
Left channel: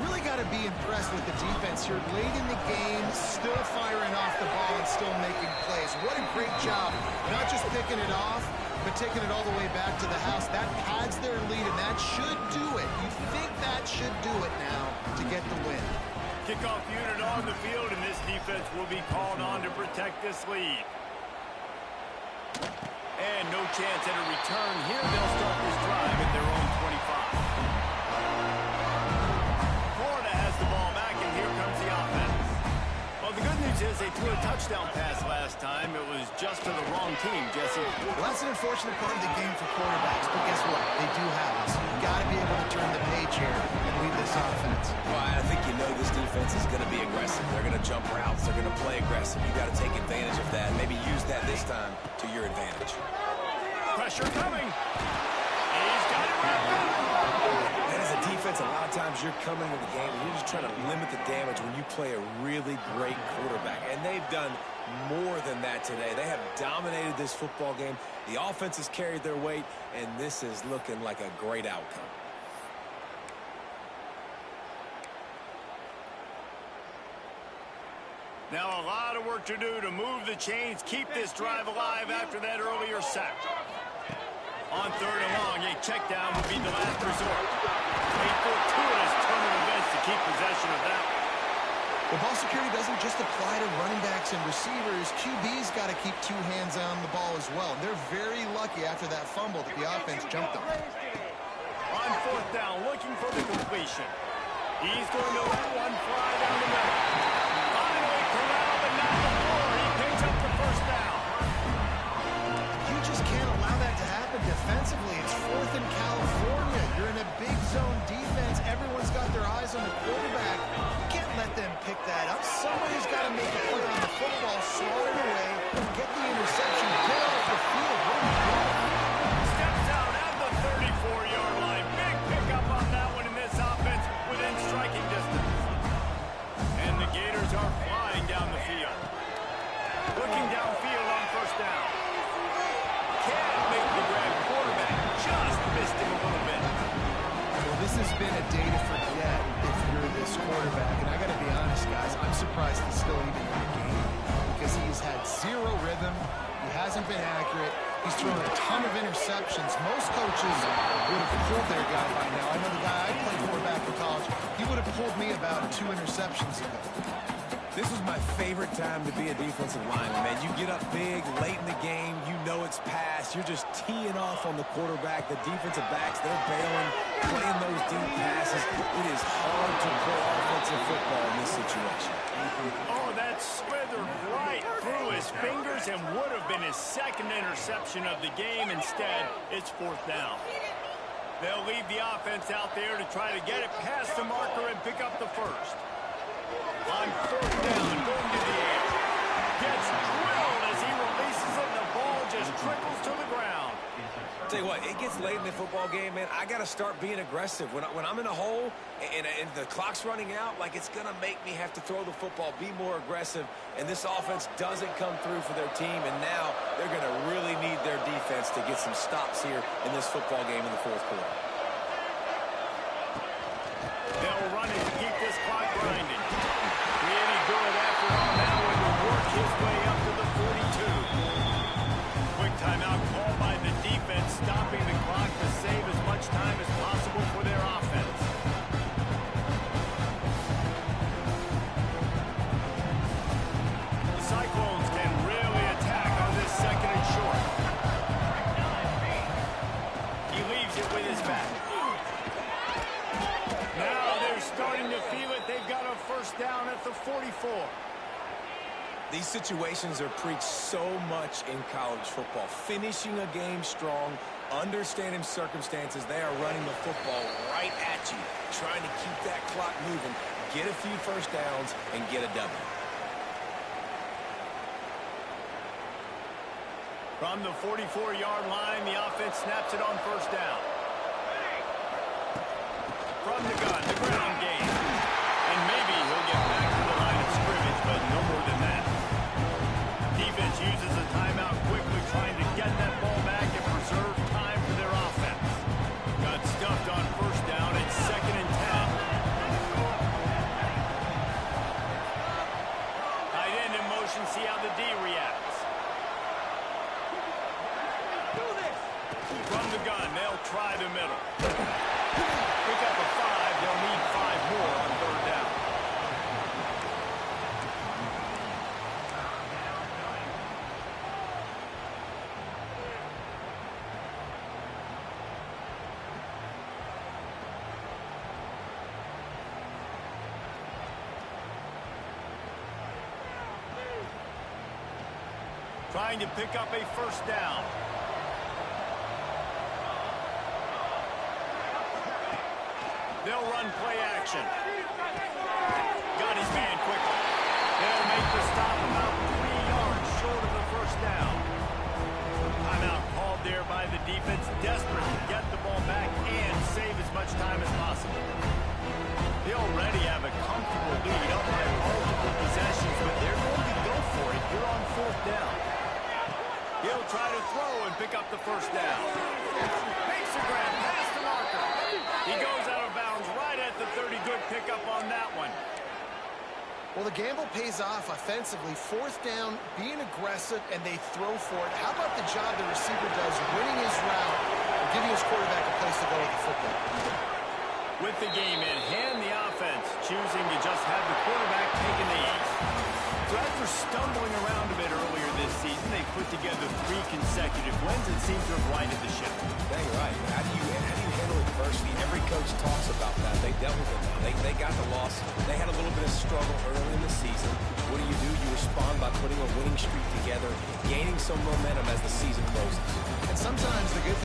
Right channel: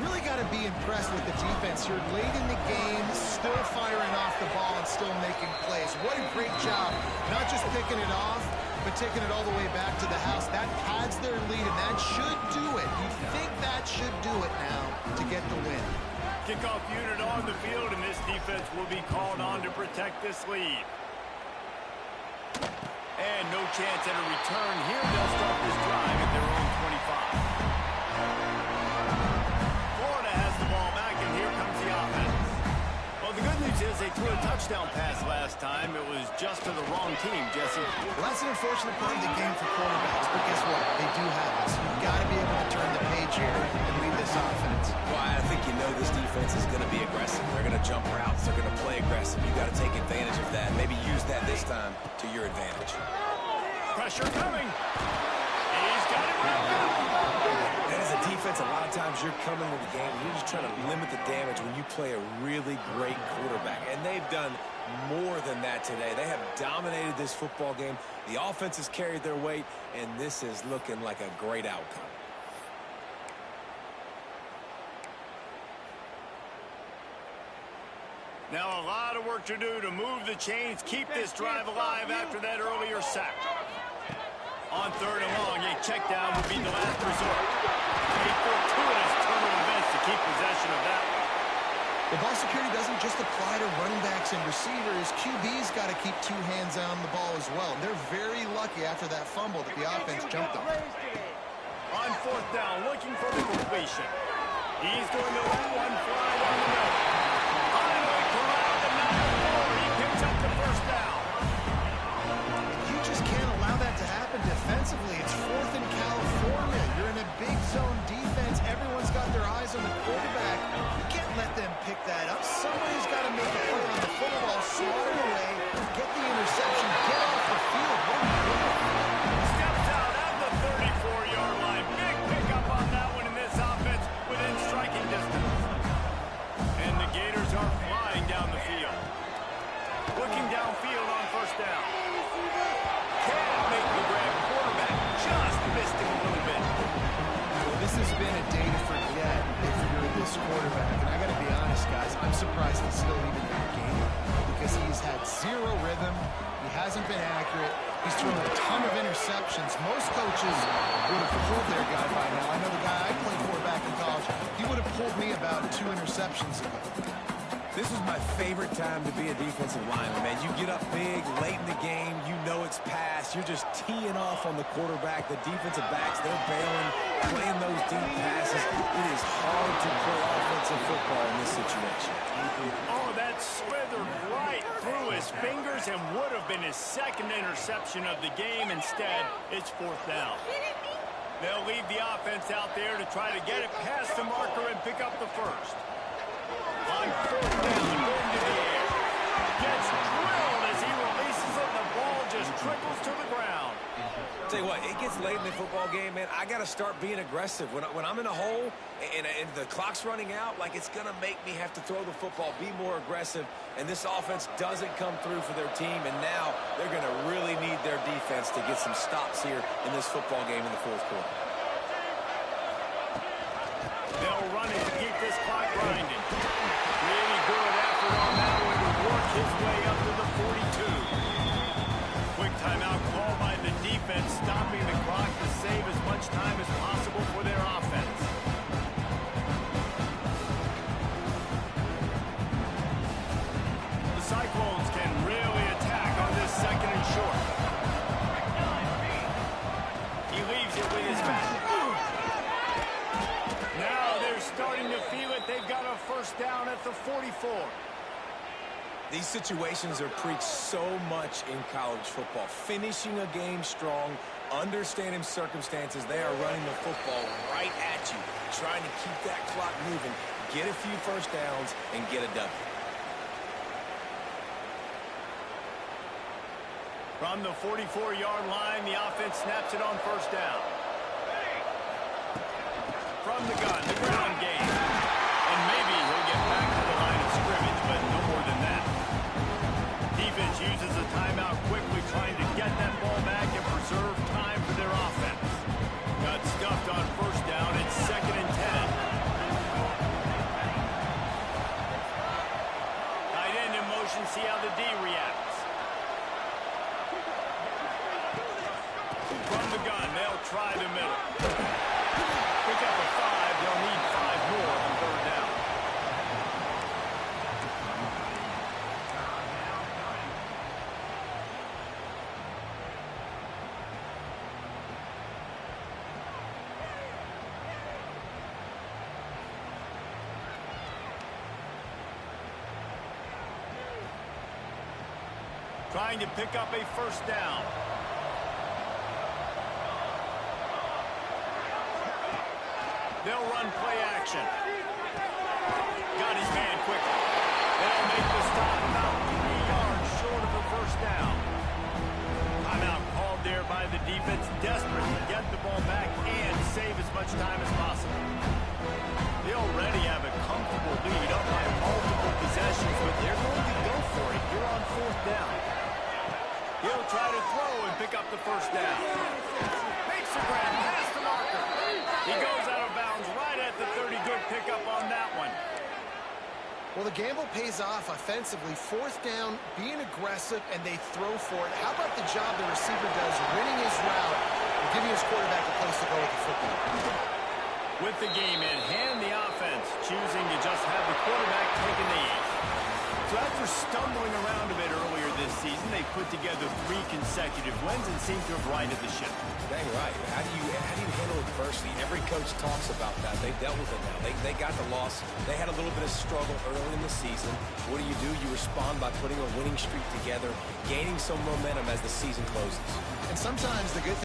Really got to be impressed with the defense here. Late in the game, still firing off the ball and still making plays. What a great job. Not just picking it off, but taking it all the way back to the house. That pads their lead, and that should do it. You think that should do it now to get the win. Kickoff unit on the field, and this defense will be called on to protect this lead. And no chance at a return here. They'll start this drive at their own 25. Florida has the ball back, and here comes the offense. Well, the good news is they threw a touchdown pass last time. It was just to the wrong team, Jesse. Well, that's an unfortunate part of the game for quarterbacks, but guess what? They do have it. So you've got to be able to turn the page here and lead this offense. Well, I think this defense is going to be aggressive. They're going to jump routes. They're going to play aggressive. You got to take advantage of that. Maybe use that this time to your advantage. Pressure coming. He's got it wrapped up. And as a defense, a lot of times you're coming into the game and you're just trying to limit the damage when you play a really great quarterback. And they've done more than that today. They have dominated this football game. The offense has carried their weight, and this is looking like a great outcome. Now a lot of work to do to move the chains, keep this drive alive after that earlier sack. On 3rd and long, a check down would be the last resort. A fortuitous turn of events to keep possession of that one. The ball security doesn't just apply to running backs and receivers. QB's got to keep 2 hands on the ball as well. They're very lucky after that fumble that the offense jumped on. On 4th down, looking for the completion. He's going to let one fly down the middle. Finally corralled, but not before. He picks up the 1st down. You just can't allow that to happen defensively. It's 4th in California. You're in a big zone defense. Everyone's got their eyes on the quarterback. You can't let them pick that up. Somebody's got to make a play on the football, swat it away, get the interception, get off the field. What are we doing? Steps out at the 34-yard line. Big pickup on that one in this offense within striking distance. And the Gators are flying down the field. Looking downfield on 1st down. Can't make the grab. Quarterback just missed him a little bit. Well, this has been a day to forget if you're this quarterback. And I got to be honest, guys, I'm surprised he's still even in the game right now because he's had 0 rhythm. He hasn't been accurate. He's thrown a ton of interceptions. Most coaches would have pulled their guy by now. I know the guy I played for back in college, he would have pulled me about 2 interceptions ago. This was my favorite time to be a defensive lineman, man. You get up big, late in the game, you know it's past. You're just teeing off on the quarterback. The defensive backs, they're bailing, playing those deep passes. It is hard to play offensive football in this situation. Oh, that slithered right through his fingers and would have been his 2nd interception of the game. Instead, it's 4th down. They'll leave the offense out there to try to get it past the marker and pick up the 1st. On 4th down, going to the air. Gets drilled as he releases it. The ball just trickles to the ground. Tell you what, it gets late in the football game, man. I got to start being aggressive. When I'm in a hole and the clock's running out, like it's going to make me have to throw the football, be more aggressive. And this offense doesn't come through for their team. And now they're going to really need their defense to get some stops here in this football game in the 4th quarter. They'll run it to keep this clock grinding. Really good effort on that one to work his way up to the 42. Quick timeout called by the defense, stopping the clock to save as much time as possible for their saves it with his back. Now they're starting to feel it. They've got a first down at the 44. These situations are preached so much in college football. Finishing a game strong, understanding circumstances. They are running the football right at you, trying to keep that clock moving, get a few first downs, and get a W. From the 44-yard line, the offense snaps it on first down. From the gun, the ground game. And maybe he'll get back to the line of scrimmage, but no more than that. Defense uses a timeout quickly, trying to get that ball back and preserve time for their offense. Got stuffed on first down. It's 2nd and 10. Tight end in motion. See how the D reacts. From the gun, they'll try the middle. Pick up a 5. They'll need 5 more on third down. Trying to pick up a first down. They'll run play action. Got his man quickly. They'll make the stop about 3 yards short of the first down. Timeout called there by the defense, desperate to get the ball back and save as much time as possible. They already have a comfortable lead up by multiple possessions, but they're going to go for it here on fourth down. He'll try to throw and pick up the first down. Makes a grab past the marker. He goes out of bounds right at the 30. Good pickup on that one. Well, the gamble pays off offensively. Fourth down, being aggressive, and they throw for it. How about the job the receiver does winning his route and giving his quarterback a place to go with the football? With the game in hand, the offense choosing to just have the quarterback taking the ease. So after stumbling around a bit earlier this season, they put together 3 consecutive wins and seem to have righted the ship. Dang right. How do you handle adversity? Every coach talks about that. They dealt with it now. They got the loss. They had a little bit of struggle early in the season. What do? You respond by putting a winning streak together, gaining some momentum as the season closes. And sometimes the good thing